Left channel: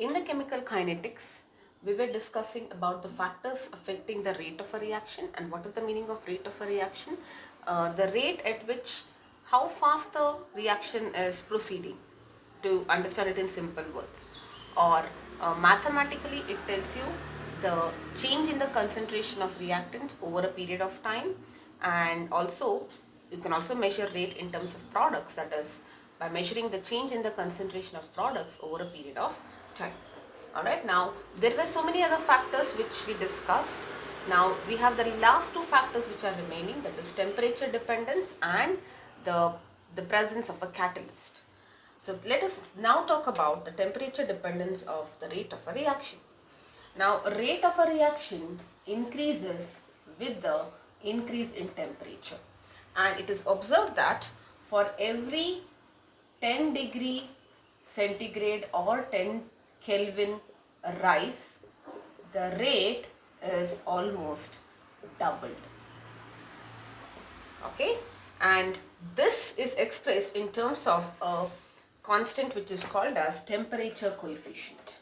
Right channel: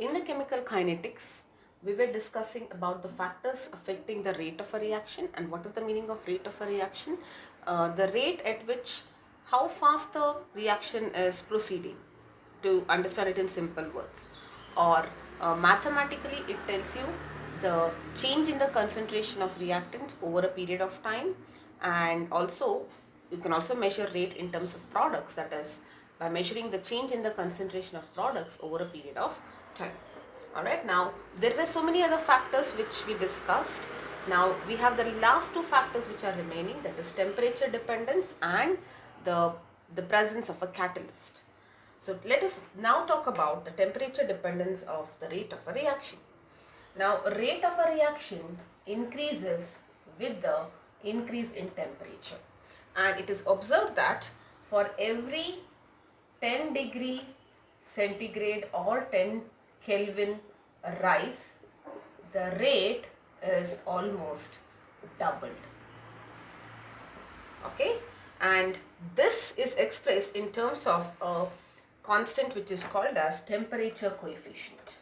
In the chemical kinetics, we were discussing about the factors affecting the rate of a reaction. And what is the meaning of rate of a reaction? The rate at which, how fast the reaction is proceeding, to understand it in simple words. Or mathematically, it tells you the change in the concentration of reactants over a period of time. And also, you can also measure rate in terms of products, that is by measuring the change in the concentration of products over a period of time. Alright, now there were so many other factors which we discussed. Now we have the last two factors which are remaining, that is temperature dependence and the presence of a catalyst. So let us now talk about the temperature dependence of the rate of a reaction. Now rate of a reaction increases with the increase in temperature, and it is observed that for every 10 degree centigrade or 10 Kelvin rise, the rate is almost doubled. Okay, and this is expressed in terms of a constant which is called as temperature coefficient.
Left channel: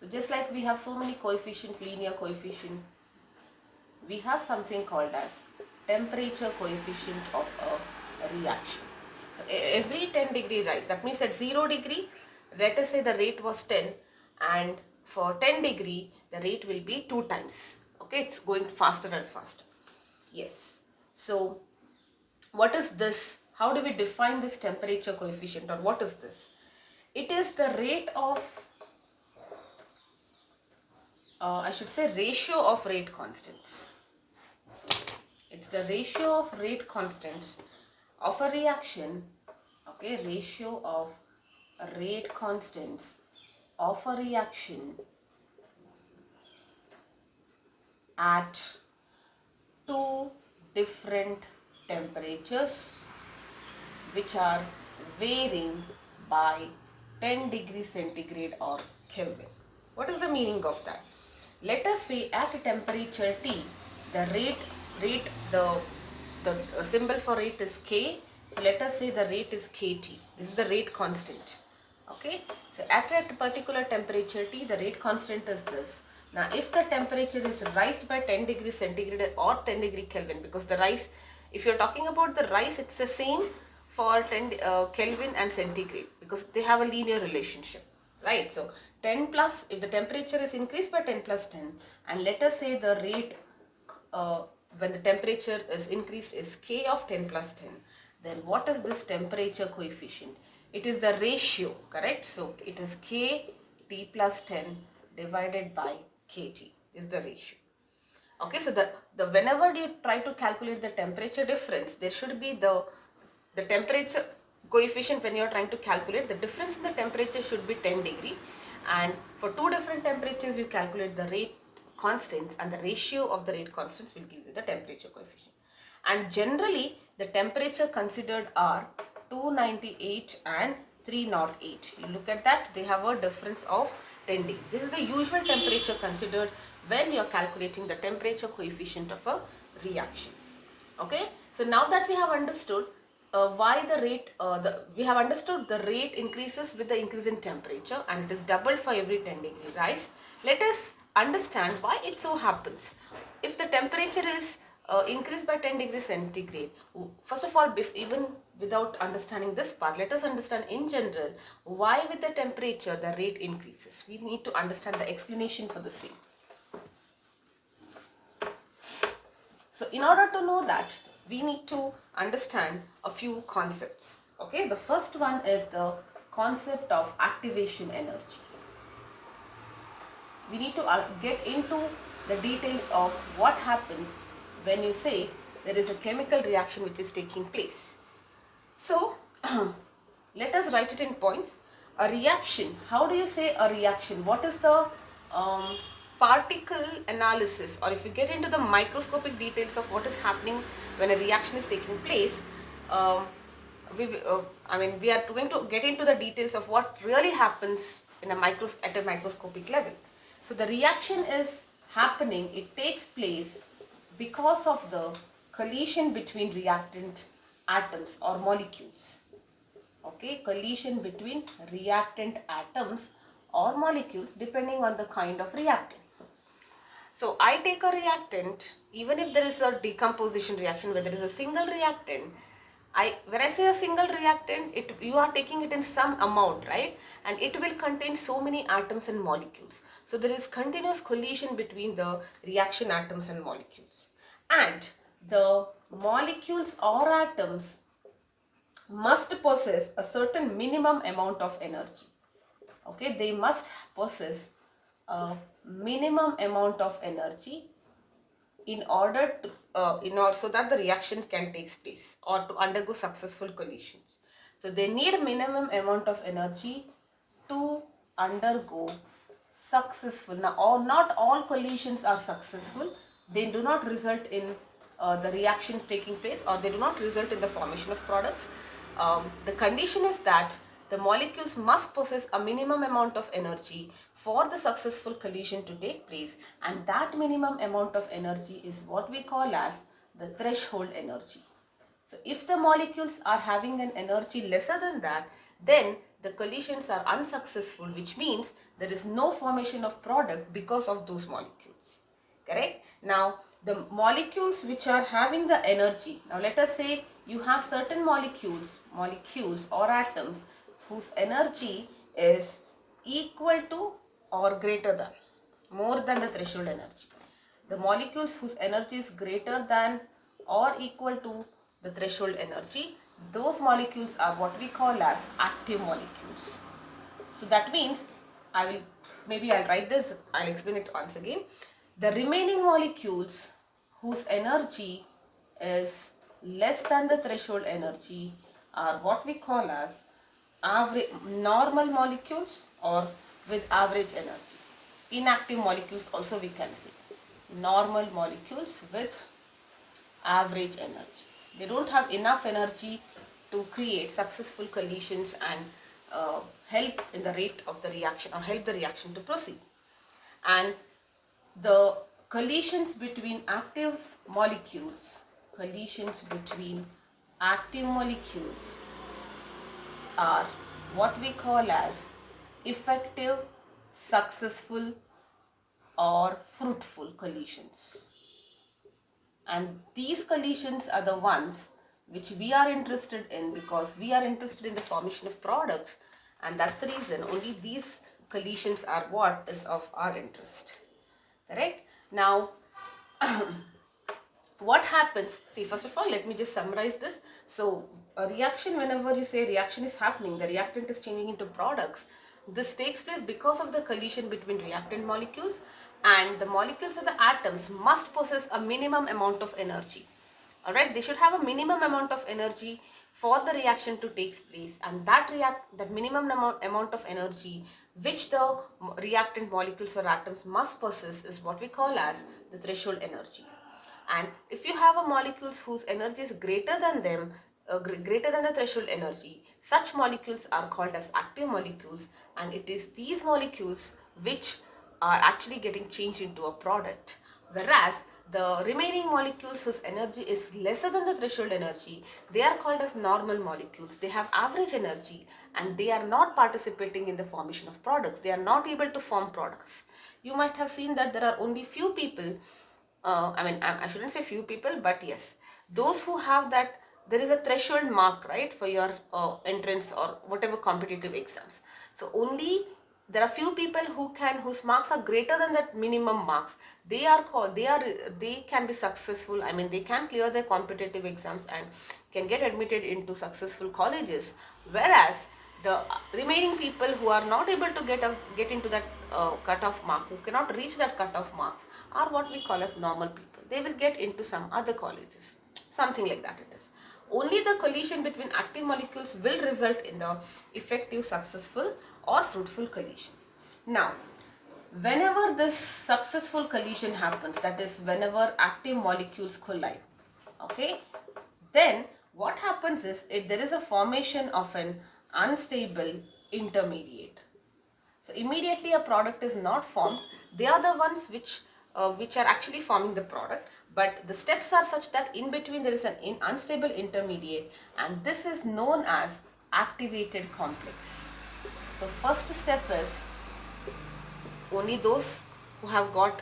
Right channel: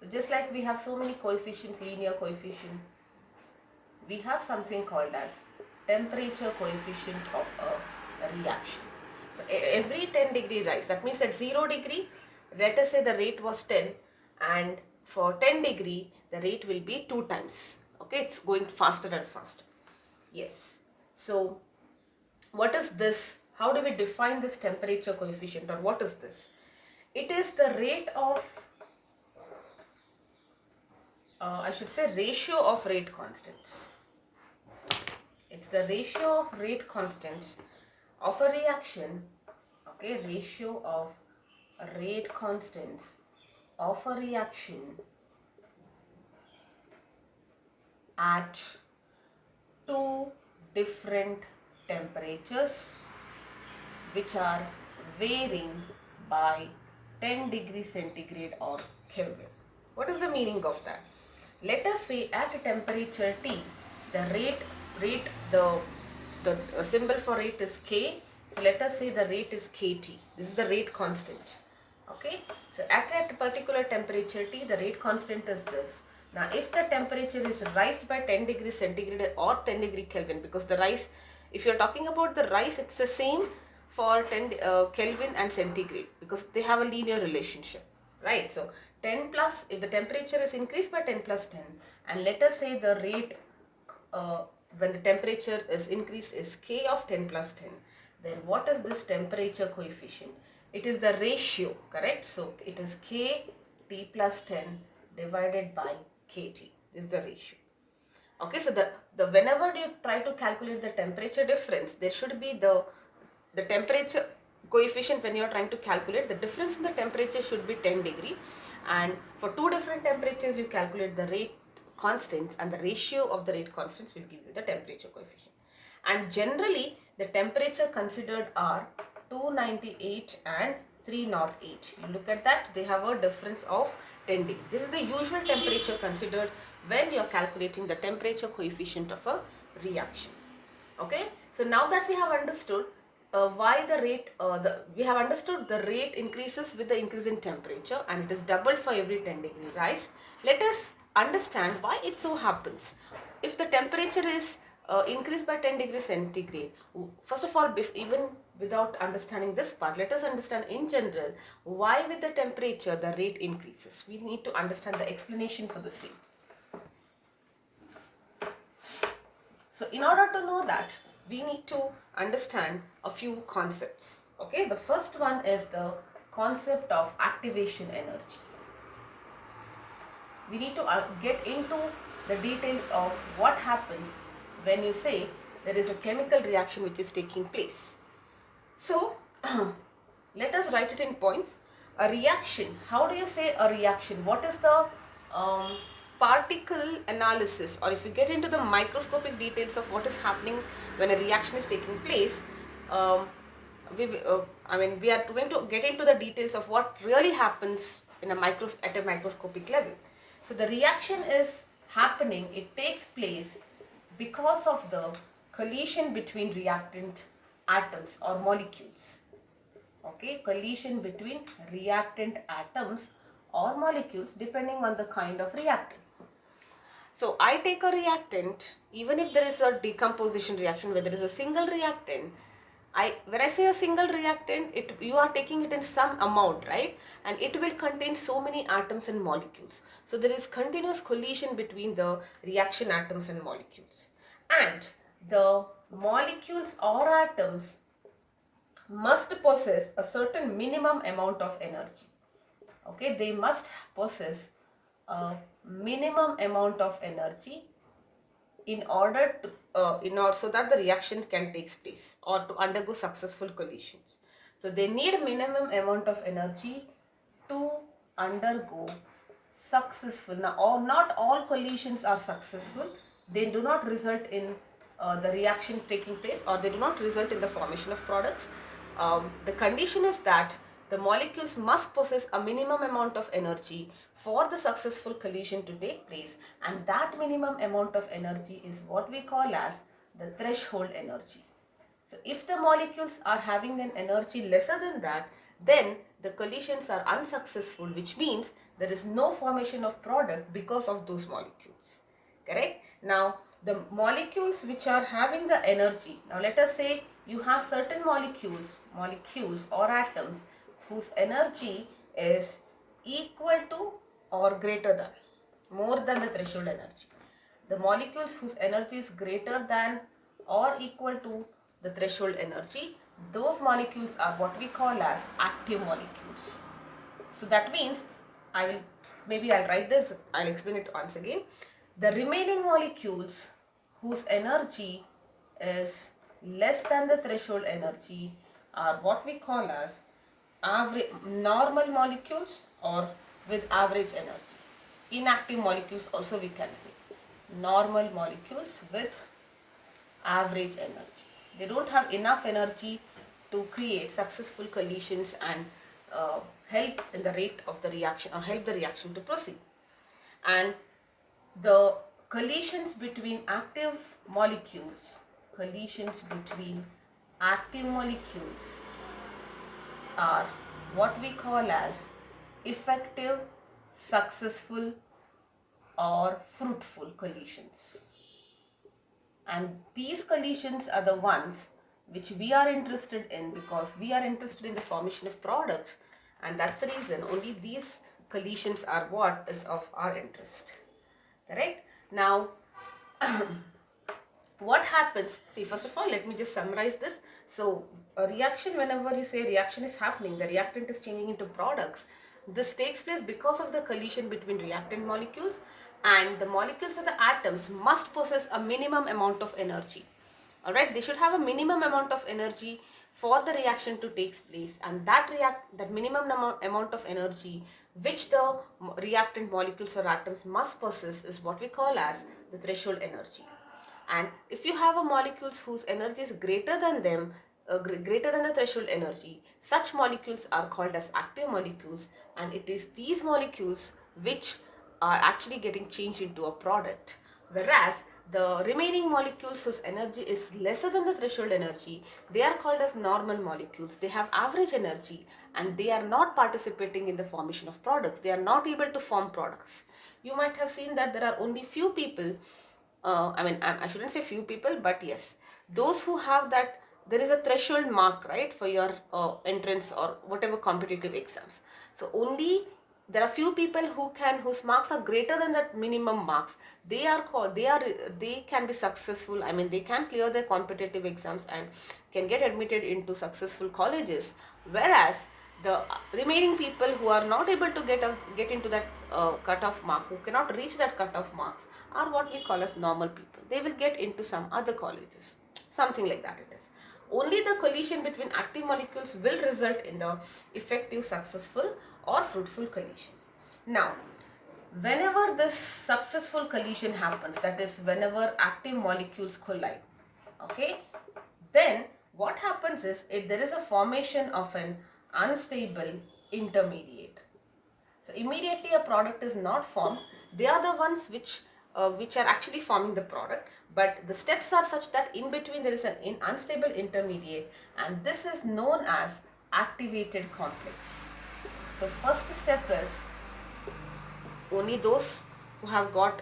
So just like we have so many coefficients, linear coefficient, we have something called as temperature coefficient of a reaction. So every 10 degree rise, that means at 0 degree, let us say the rate was 10, and for 10 degree, the rate will be 2 times. Okay, it's going faster and faster. Yes. So what is this? How do we define this temperature coefficient, or what is this? It is the rate of, I should say, ratio of rate constants. It's the ratio of rate constants of a reaction, okay, ratio of rate constants of a reaction at two different temperatures which are varying by 10 degrees centigrade or Kelvin. What is the meaning of that? Let us say at a temperature T, the the symbol for rate is K. So let us say the rate is KT. This is the rate constant. Okay. So at a particular temperature T, the rate constant is this. Now if the temperature is raised by 10 degrees centigrade or 10 degree Kelvin, because the rise, if you're talking about the rise, it's the same for 10 Kelvin and centigrade, because they have a linear relationship, right? So 10 plus, if the temperature is increased by 10 plus 10, and let us say the rate when the temperature is increased is K of 10 plus 10, then what is this temperature coefficient? It is the ratio, correct? So it is K T plus 10 divided by KT. This is the ratio. Okay, so the whenever you try to calculate the temperature difference, there should be the temperature coefficient. When you are trying to calculate the difference in the temperature, should be 10 degree, and for two different temperatures you calculate the rate constants, and the ratio of the rate constants will give you the temperature coefficient. And generally the temperature considered are 298 and 308. You look at that, they have a difference of 10 degrees. This is the usual temperature considered when you are calculating the temperature coefficient of a reaction. Okay, so now that we have understood why the rate, we have understood the rate increases with the increase in temperature, and it is doubled for every 10 degree rise. Let us understand why it so happens. If the temperature is increased by 10 degrees centigrade, first of all, even without understanding this part, let us understand in general why with the temperature the rate increases. We need to understand the explanation for the same. So in order to know that, we need to understand a few concepts. Okay, the first one is the concept of activation energy. We need to get into the details of what happens when you say there is a chemical reaction which is taking place. So let us write it in points. A reaction, how do you say a reaction? What is the particle analysis, or if you get into the microscopic details of what is happening when a reaction is taking place, we are going to get into the details of what really happens in at a microscopic level. So the reaction is happening, it takes place because of the collision between reactant atoms or molecules. Okay, collision between reactant atoms or molecules depending on the kind of reactant. So I take a reactant, even if there is a decomposition reaction, where there is a single reactant, when I say a single reactant, you are taking it in some amount, right? And it will contain so many atoms and molecules. So there is continuous collision between the reaction atoms and molecules. And the molecules or atoms must possess a certain minimum amount of energy. Okay, they must possess a minimum amount of energy in order to so that the reaction can take place or to undergo successful collisions. So they need minimum amount of energy to undergo successful. Now, not all collisions are successful. They do not result in the reaction taking place, or they do not result in the formation of products. The condition is that the molecules must possess a minimum amount of energy for the successful collision to take place, and that minimum amount of energy is what we call as the threshold energy. So if the molecules are having an energy lesser than that, then the collisions are unsuccessful, which means there is no formation of product because of those molecules. Correct? Now, the molecules which are having the energy, now let us say you have certain molecules or atoms whose energy is equal to or greater than, more than the threshold energy. The molecules whose energy is greater than or equal to the threshold energy, those molecules are what we call as active molecules. So that means, I'll write this, I'll explain it once again. The remaining molecules whose energy is less than the threshold energy are what we call as average normal molecules, or with average energy. Inactive molecules also we can say. Normal molecules with average energy. They don't have enough energy to create successful collisions and help in the rate of the reaction, or help the reaction to proceed. And the collisions between active molecules are what we call as effective, successful, or fruitful collisions. And these collisions are the ones which we are interested in, because we are interested in the formation of products, and that's the reason only these collisions are what is of our interest. Correct? Now, what happens? See, first of all, let me just summarize this. So, a reaction, whenever you say reaction is happening, the reactant is changing into products. This takes place because of the collision between reactant molecules, and the molecules of the atoms must possess a minimum amount of energy. Alright, they should have a minimum amount of energy for the reaction to take place, and that minimum amount of energy which the reactant molecules or atoms must possess is what we call as the threshold energy. And if you have a molecules whose energy is greater than greater than the threshold energy, such molecules are called as active molecules, and it is these molecules which are actually getting changed into a product. Whereas the remaining molecules whose energy is lesser than the threshold energy, they are called as normal molecules. They have average energy and they are not participating in the formation of products. They are not able to form products. You might have seen that there are only few people, I shouldn't say few people, but yes, those who have that, there is a threshold mark, right, for your entrance or whatever competitive exams. So only there are few people whose marks are greater than that minimum marks. They can be successful. I mean, they can clear their competitive exams and can get admitted into successful colleges. Whereas the remaining people who are not able to get into that cutoff mark, who cannot reach that cutoff marks, are what we call as normal people. They will get into some other colleges. Something like that it is. Only the collision between active molecules will result in the effective, successful, or fruitful collision. Now, whenever this successful collision happens, that is whenever active molecules collide, okay, then what happens is, if there is a formation of an unstable intermediate. So immediately a product is not formed. They are the ones which are actually forming the product, but the steps are such that in between there is an unstable intermediate, and this is known as activated complex. So first step is only those who have got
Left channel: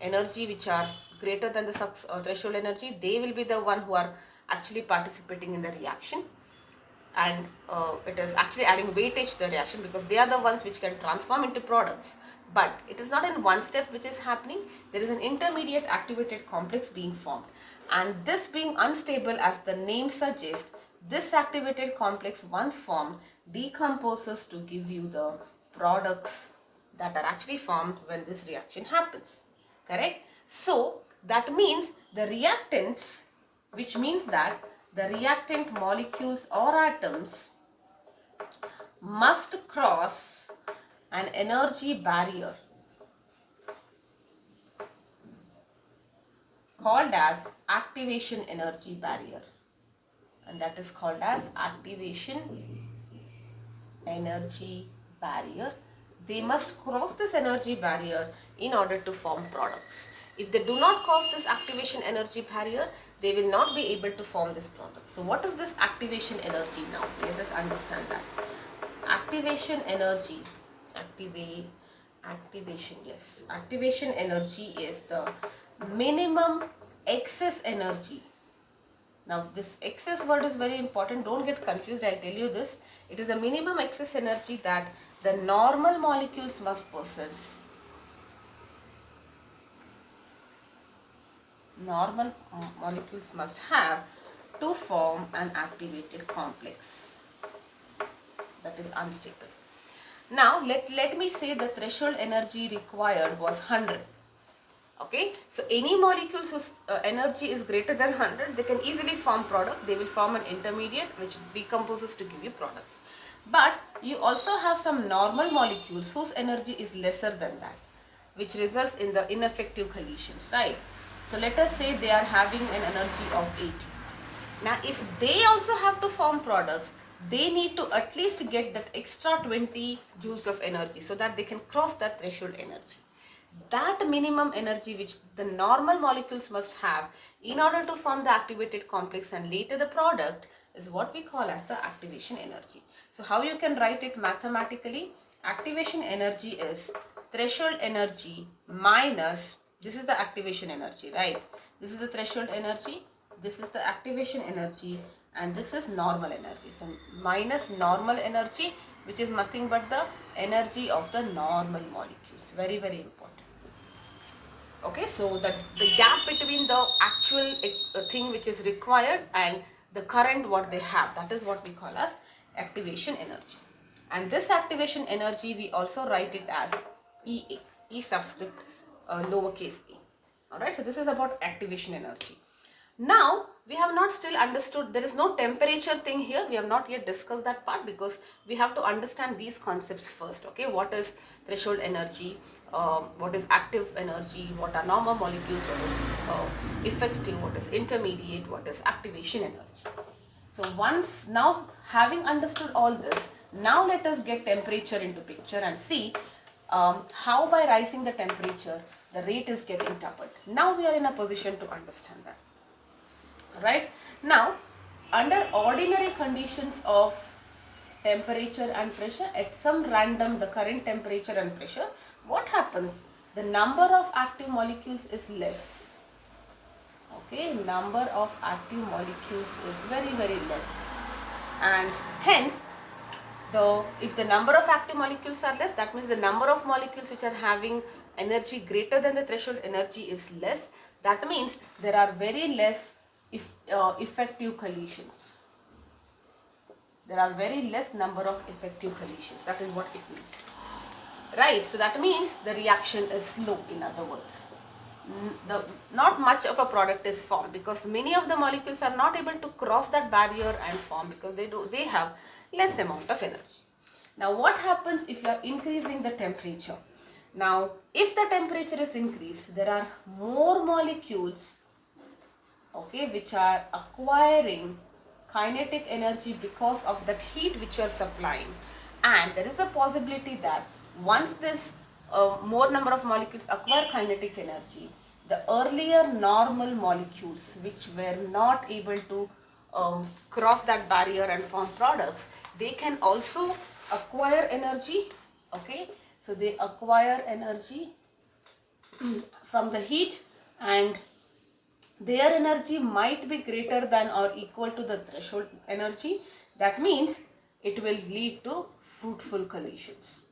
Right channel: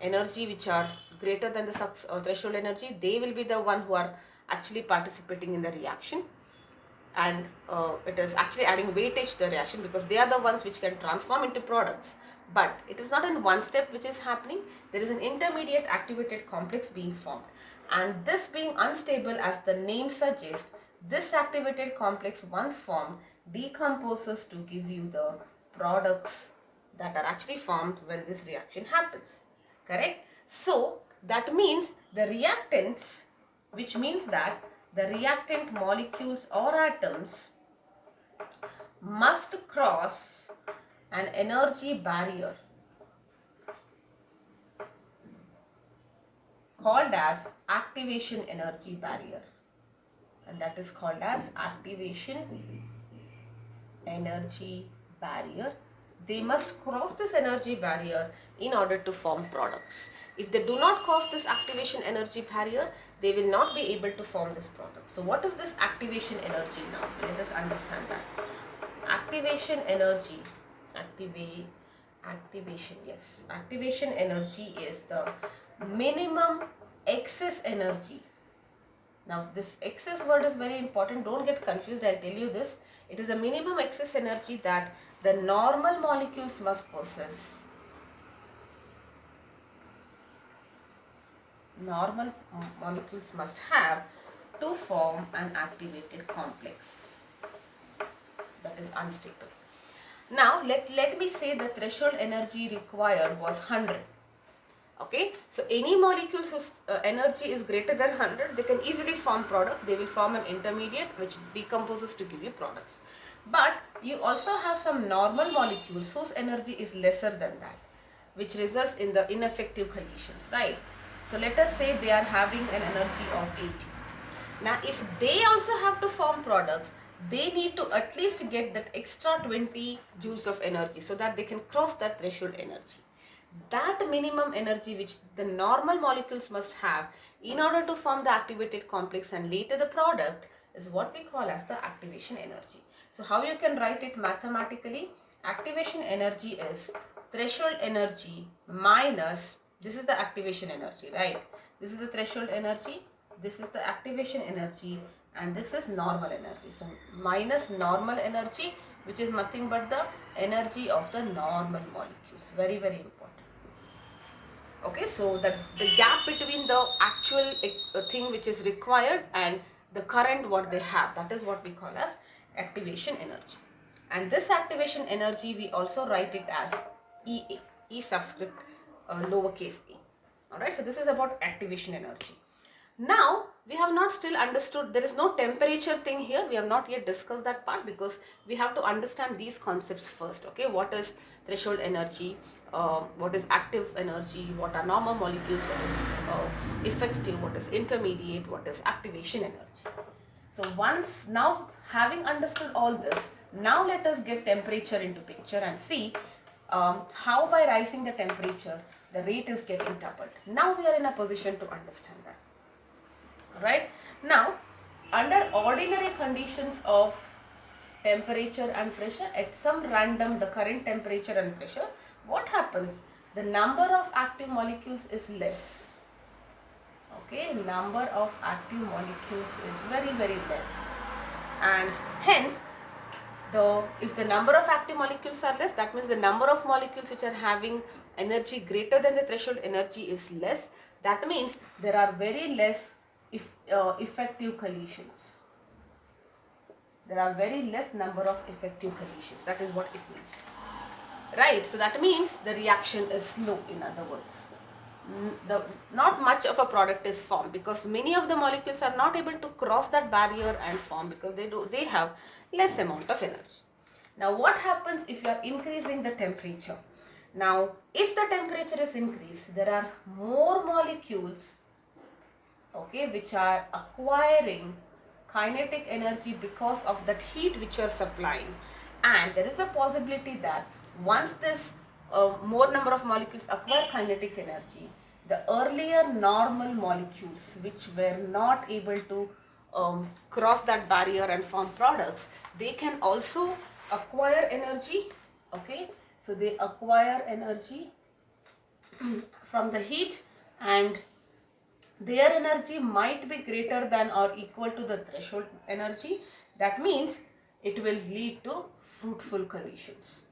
energy which are greater than the threshold energy, they will be the one who are actually participating in the reaction, and it is actually adding weightage to the reaction because they are the ones which can transform into products. But it is not in one step which is happening. There is an intermediate activated complex being formed, and this being unstable, as the name suggests, this activated complex once formed decomposes to give you the products that are actually formed when this reaction happens. Correct? So that means the reactants, which means that the reactant molecules or atoms must cross an energy barrier called as activation energy barrier, and that is called as activation energy barrier. They must cross this energy barrier in order to form products. If they do not cross this activation energy barrier, they will not be able to form this product. So what is this activation energy now? Let us understand that. Activation energy, activation energy is the minimum excess energy. Now this excess word is very important, don't get confused, I'll tell you this. It is a minimum excess energy that the normal molecules must possess. Normal molecules must have to form an activated complex that is unstable. Now let me say the threshold energy required was 100. Okay, so any molecules whose energy is greater than 100, they can easily form product. They will form an intermediate which decomposes to give you products. But you also have some normal molecules whose energy is lesser than that, which results in the ineffective collisions, right? So let us say they are having an energy of 80. Now if they also have to form products, they need to at least get that extra 20 joules of energy so that they can cross that threshold energy. That minimum energy which the normal molecules must have in order to form the activated complex and later the product is what we call as the activation energy. So how you can write it mathematically? Activation energy is threshold energy minus, this is the activation energy, right? This is the threshold energy, this is the activation energy, and this is normal energy. So minus normal energy, which is nothing but the energy of the normal molecules. Very, very important. Okay, so that the gap between the actual thing which is required and the current what they have, that is what we call as activation energy. And this activation energy we also write it as EA, E subscript lowercase a. Alright, so this is about activation energy. Now we have not still understood, there is no temperature thing here, we have not yet discussed that part because we have to understand these concepts first. Okay, what is threshold energy, what is active energy, what are normal molecules, what is effective, what is intermediate, what is activation energy. So once now having understood all this, now let us get temperature into picture and see how by rising the temperature the rate is getting doubled. Now we are in a position to understand that. Right? Now, under ordinary conditions of temperature and pressure, at some random, the current temperature and pressure, what happens? The number of active molecules is less. Okay, number of active molecules is very, very less. And hence, if the number of active molecules are less, that means the number of molecules which are having energy greater than the threshold energy is less. That means there are very less effective collisions. There are very less number of effective collisions. That is what it means. Right, so that means the reaction is slow, in other words. Not much of a product is formed because many of the molecules are not able to cross that barrier and form because they have less amount of energy. Now what happens if you are increasing the temperature? Now if the temperature is increased, there are more molecules, okay, which are acquiring kinetic energy because of that heat which you are supplying, and there is a possibility that once this more number of molecules acquire kinetic energy, the earlier normal molecules which were not able to cross that barrier and form products, they can also acquire energy. Okay, so they acquire energy from the heat, and their energy might be greater than or equal to the threshold energy. That means it will lead to fruitful collisions.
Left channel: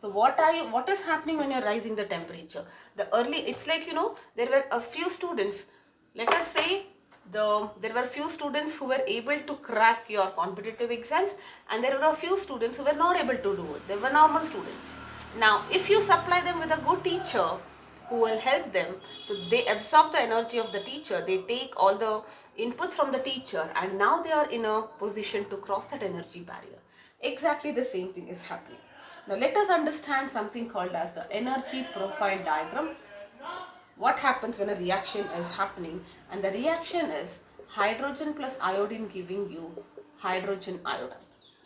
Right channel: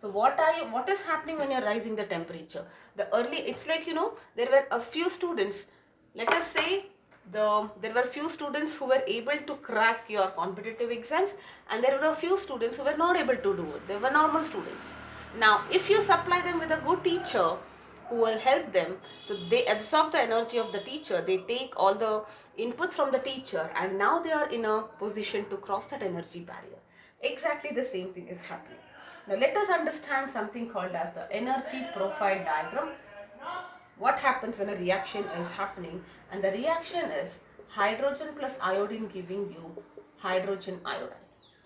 So what is happening when you're rising the temperature? It's like, there were a few students, let us say, there were few students who were able to crack your competitive exams, and there were a few students who were not able to do it. They were normal students. Now if you supply them with a good teacher who will help them, so they absorb the energy of the teacher, they take all the inputs from the teacher, and now they are in a position to cross that energy barrier. Exactly the same thing is happening. Now let us understand something called as the energy profile diagram. What happens when a reaction is happening, and the reaction is hydrogen plus iodine giving you hydrogen iodide.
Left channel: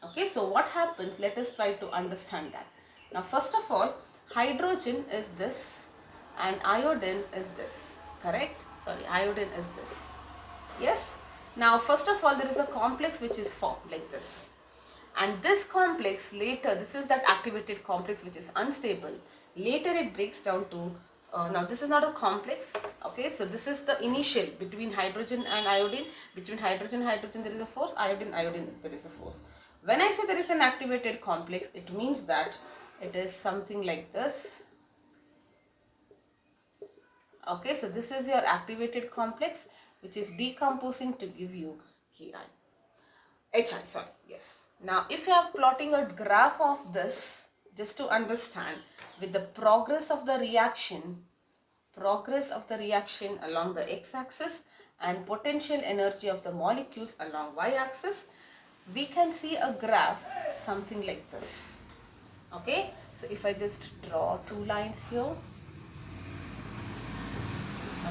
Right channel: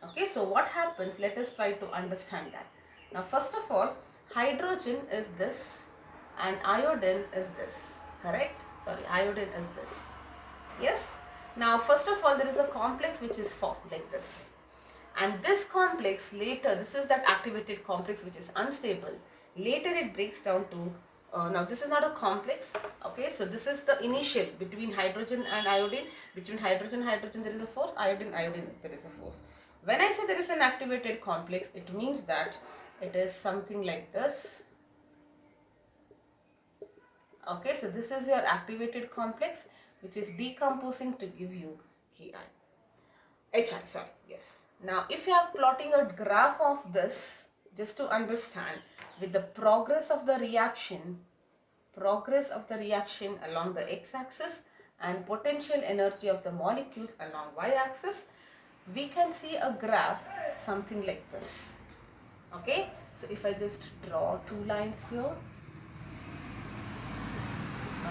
Okay, so what happens, let us try to understand that. Now first of all, hydrogen is this and iodine is this, correct? Sorry, iodine is this. Yes. Now first of all, there is a complex which is formed like this, and this complex later, this is that activated complex which is unstable. Later it breaks down to, now this is not a complex. Okay, so this is the initial between hydrogen and iodine. Between hydrogen there is a force, iodine there is a force. When I say there is an activated complex, it means that it is something like this. Okay, so this is your activated complex which is decomposing to give you Ki. HI, sorry, yes. Now, if you are plotting a graph of this, just to understand, with the progress of the reaction along the x-axis and potential energy of the molecules along y-axis, we can see a graph something like this. Okay, so if I just draw two lines here,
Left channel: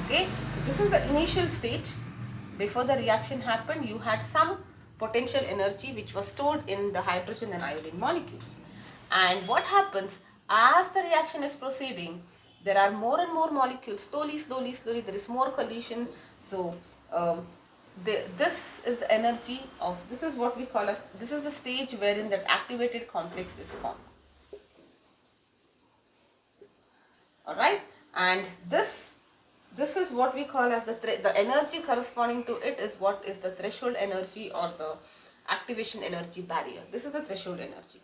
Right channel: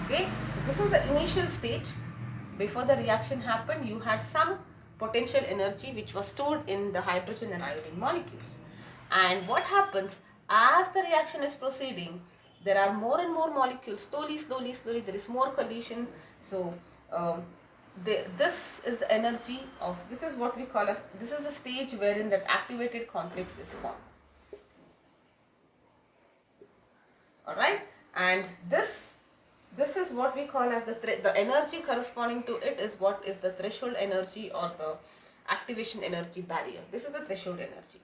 okay, this is the initial stage. Before the reaction happened, you had some potential energy which was stored in the hydrogen and iodine molecules. And what happens as the reaction is proceeding, there are more and more molecules, slowly there is more collision. So this is the energy of, this is what we call as, this is the stage wherein that activated complex is formed. Alright, and this is what we call as the energy corresponding to it is what is the threshold energy or the activation energy barrier. This is the threshold energy.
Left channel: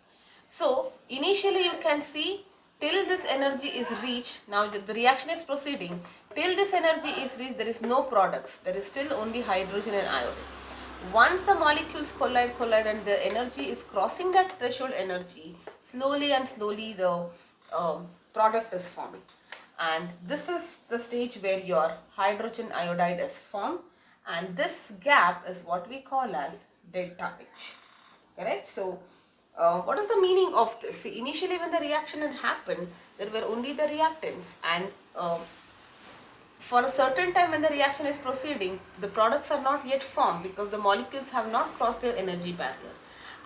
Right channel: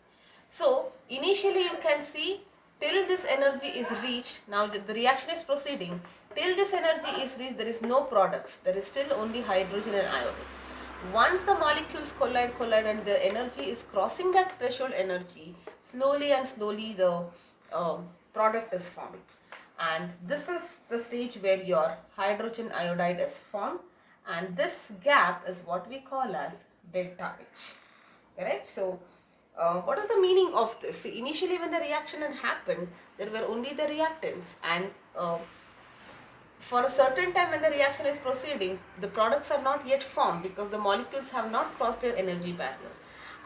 So initially you can see, till this energy is reached, now the reaction is proceeding, till this energy is reached, there is no products, there is still only hydrogen and iodine. Once the molecules collide and the energy is crossing that threshold energy, slowly the product is formed. And this is the stage where your hydrogen iodide is formed, and this gap is what we call as delta H. Correct? So what is the meaning of this? See, initially when the reaction had happened, there were only the reactants, and for a certain time when the reaction is proceeding, the products are not yet formed because the molecules have not crossed their energy barrier.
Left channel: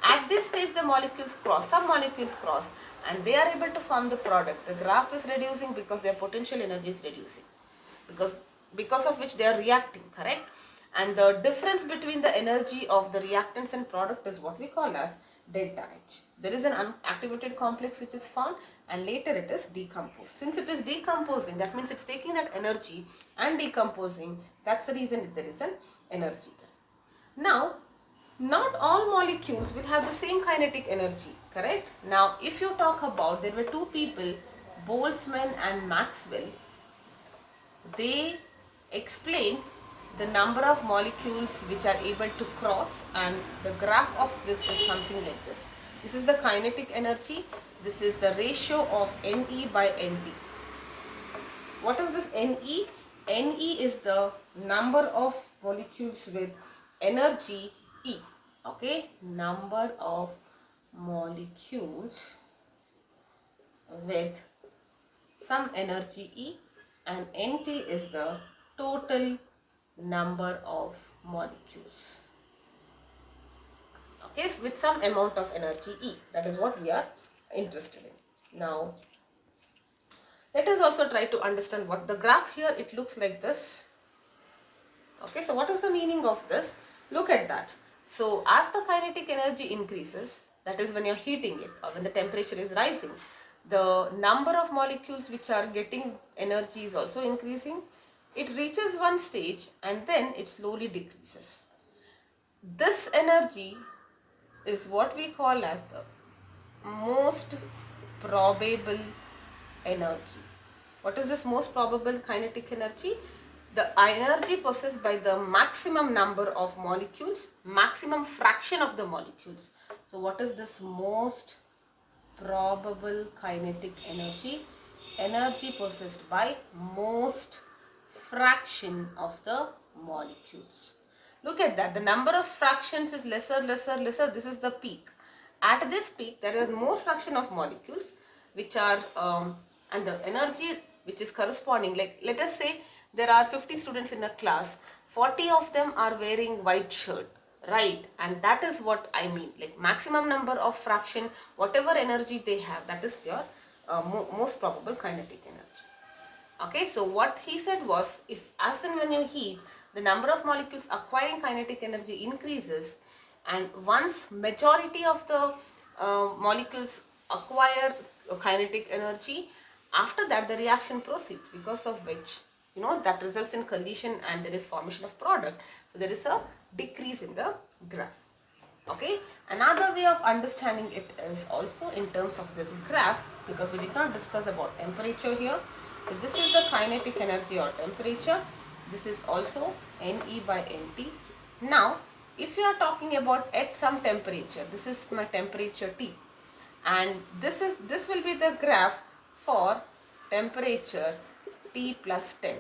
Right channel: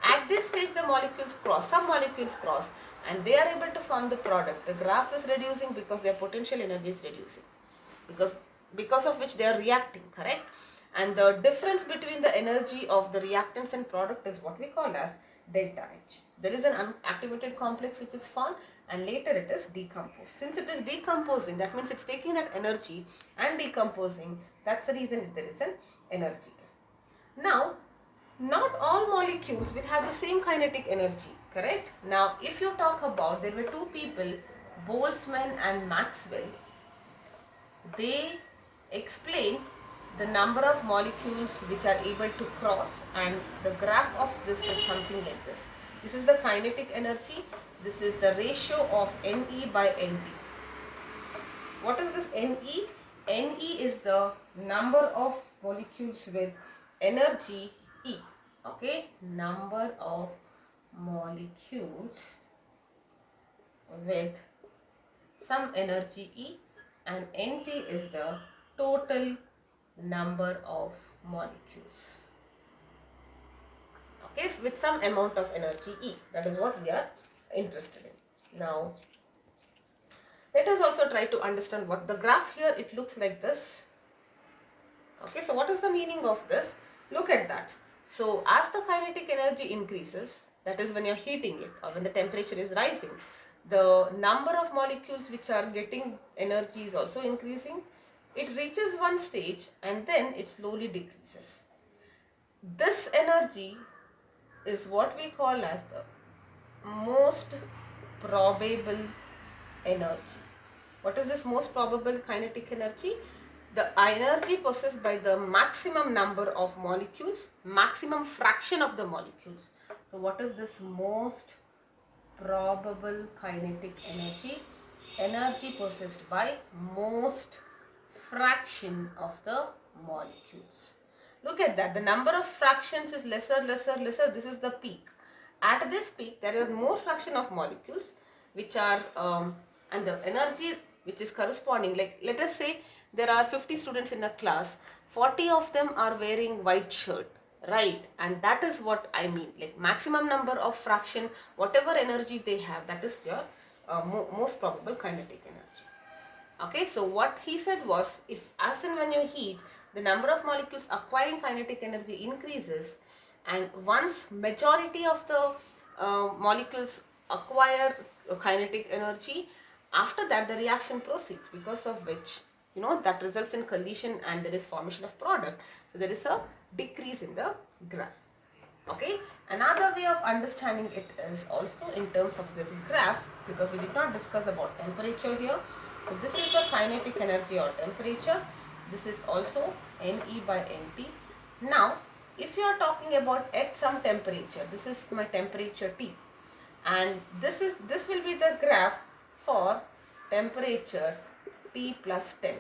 At this stage, the molecules cross, some molecules cross, and they are able to form the product. The graph is reducing because their potential energy is reducing, because of which they are reacting, correct? And the difference between the energy of the reactants and product is what we call as delta H. So there is an unactivated complex which is formed, and later it is decomposed. Since it is decomposing, that means it's taking that energy and decomposing. That's the reason there is an energy. Now, not all molecules will have the same kinetic energy, correct? Now, if you talk about, there were two people, Boltzmann and Maxwell, they explain the number of molecules which are able to cross, and the graph of this is something like this. This is the kinetic energy. This is the ratio of Ne by Nd. What is this Ne? Ne is the number of molecules with energy E. Okay, number of molecules with some energy E, and Nt is the total number of molecules, okay, with some amount of energy E. That is what we are interested in. Now let us also try to understand what the graph here, it looks like this. Okay, so what is the meaning of this? Look at that. So as the kinetic energy increases, that is when you're heating it or when the temperature is rising, the number of molecules which are getting energy is also increasing. It reaches one stage and then it slowly decreases. This energy is what we call as the most probable energy. What is this most probable kinetic energy? The energy possessed by the maximum number of molecules, maximum fraction of the molecules. So what is this most probable kinetic energy? Energy possessed by most fraction of the molecules. Look at that. The number of fractions is lesser, lesser, lesser. This is the peak. At this peak, there is more fraction of molecules which are, and the energy which is corresponding. Like let us say there are 50 students in a class. 40 of them are wearing white shirt, right? And that is what I mean. Like maximum number of fraction, whatever energy they have, that is your most probable kinetic energy. Okay, so what he said was, if as and when you heat, the number of molecules acquiring kinetic energy increases, and once majority of the molecules acquire kinetic energy, after that the reaction proceeds, because of which that results in collision and there is formation of product. So there is a decrease in the graph. Okay, another way of understanding it is also in terms of this graph, because we did not discuss about temperature here. So this is the kinetic energy or temperature. This is also Ne by Nt. Now if you are talking about at some temperature, this is my temperature T, and this will be the graph for temperature T plus 10.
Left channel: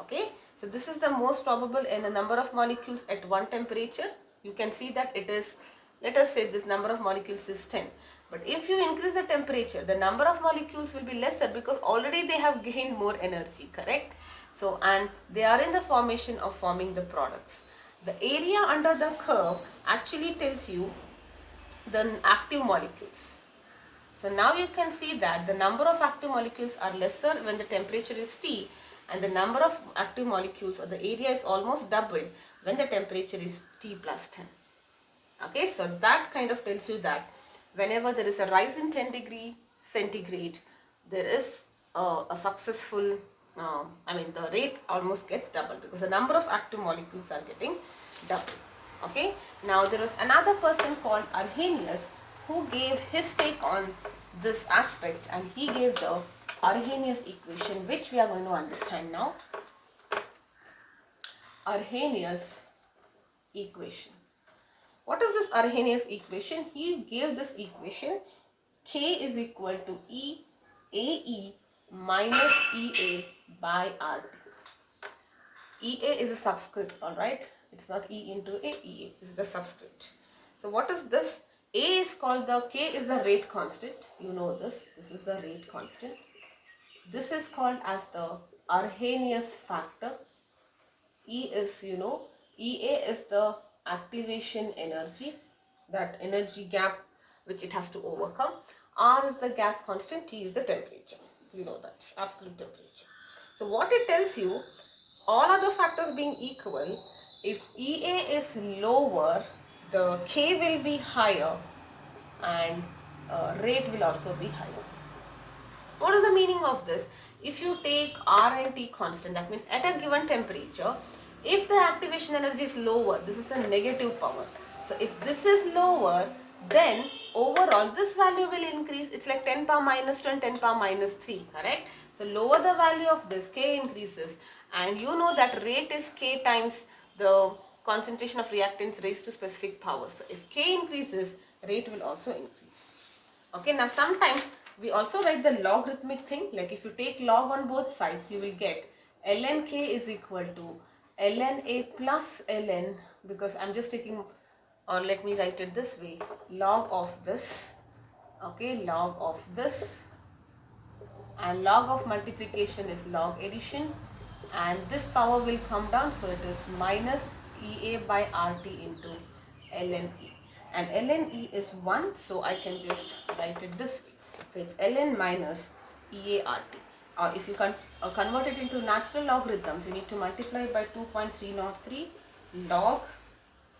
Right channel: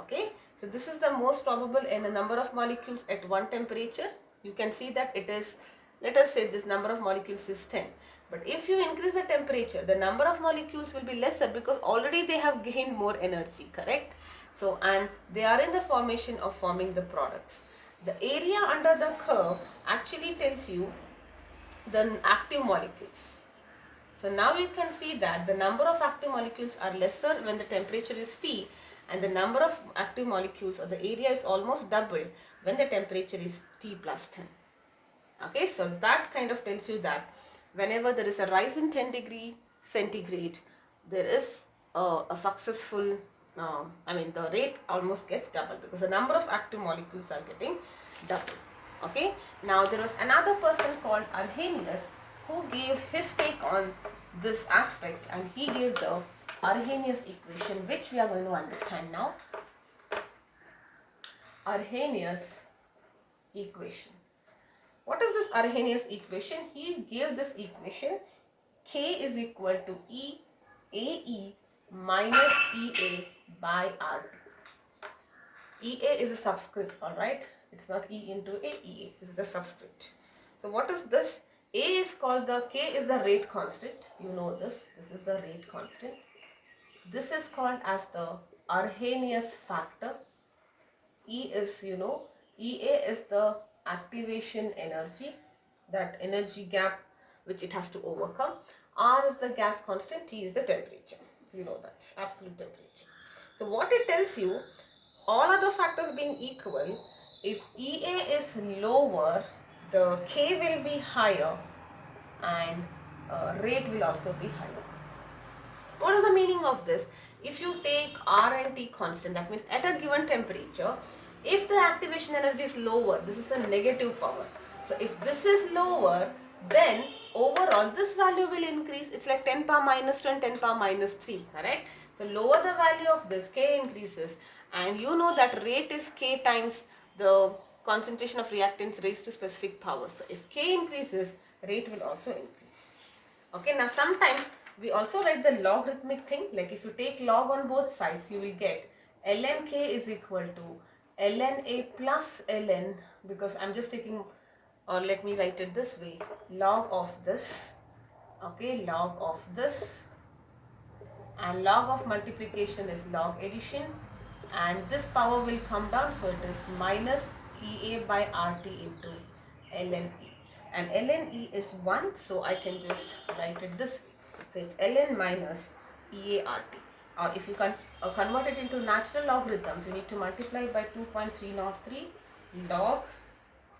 Okay, so this is the most probable in a number of molecules at one temperature. You can see that it is, let us say this number of molecules is 10. But if you increase the temperature, the number of molecules will be lesser because already they have gained more energy, correct? So, and they are in the formation of forming the products. The area under the curve actually tells you the active molecules. So now you can see that the number of active molecules are lesser when the temperature is T, and the number of active molecules or the area is almost doubled when the temperature is T plus 10. Okay, so that kind of tells you that whenever there is a rise in 10 degree centigrade, there is a successful, the rate almost gets doubled because the number of active molecules are getting doubled. Okay, now there was another person called Arrhenius who gave his take on this aspect, and he gave the Arrhenius equation, which we are going to understand now. Arrhenius equation. What is this Arrhenius equation? He gave this equation: K is equal to E AE minus EA by RT. EA is a subscript, alright? It's not E into A, EA is the subscript. So what is this? A is called the, K is the rate constant. You know this. This is the rate constant. This is called as the Arrhenius factor. E is, EA is the activation energy, that energy gap which it has to overcome. R is the gas constant, T is the temperature. You know that, absolute temperature. So what it tells you, all other factors being equal, if EA is lower, the K will be higher and rate will also be higher. What is the meaning of this? If you take R and T constant, that means at a given temperature, if the activation energy is lower, this is a negative power. So if this is lower, then overall this value will increase. It's like 10 power minus 2 and 10 power minus 3, correct? So lower the value of this, K increases, and you know that rate is K times the concentration of reactants raised to specific power. So if K increases, rate will also increase. Okay, now sometimes we also write the logarithmic thing, like if you take log on both sides, you will get ln K is equal to ln A plus ln, because I'm just taking, or let me write it this way, log of this, okay, log of this, and log of multiplication is log addition, and this power will come down, so it is minus EA by RT into ln E, and ln E is 1, so I can just write it this way. So it's ln minus EA RT, or if you can convert it into natural logarithms, you need to multiply by 2.303, log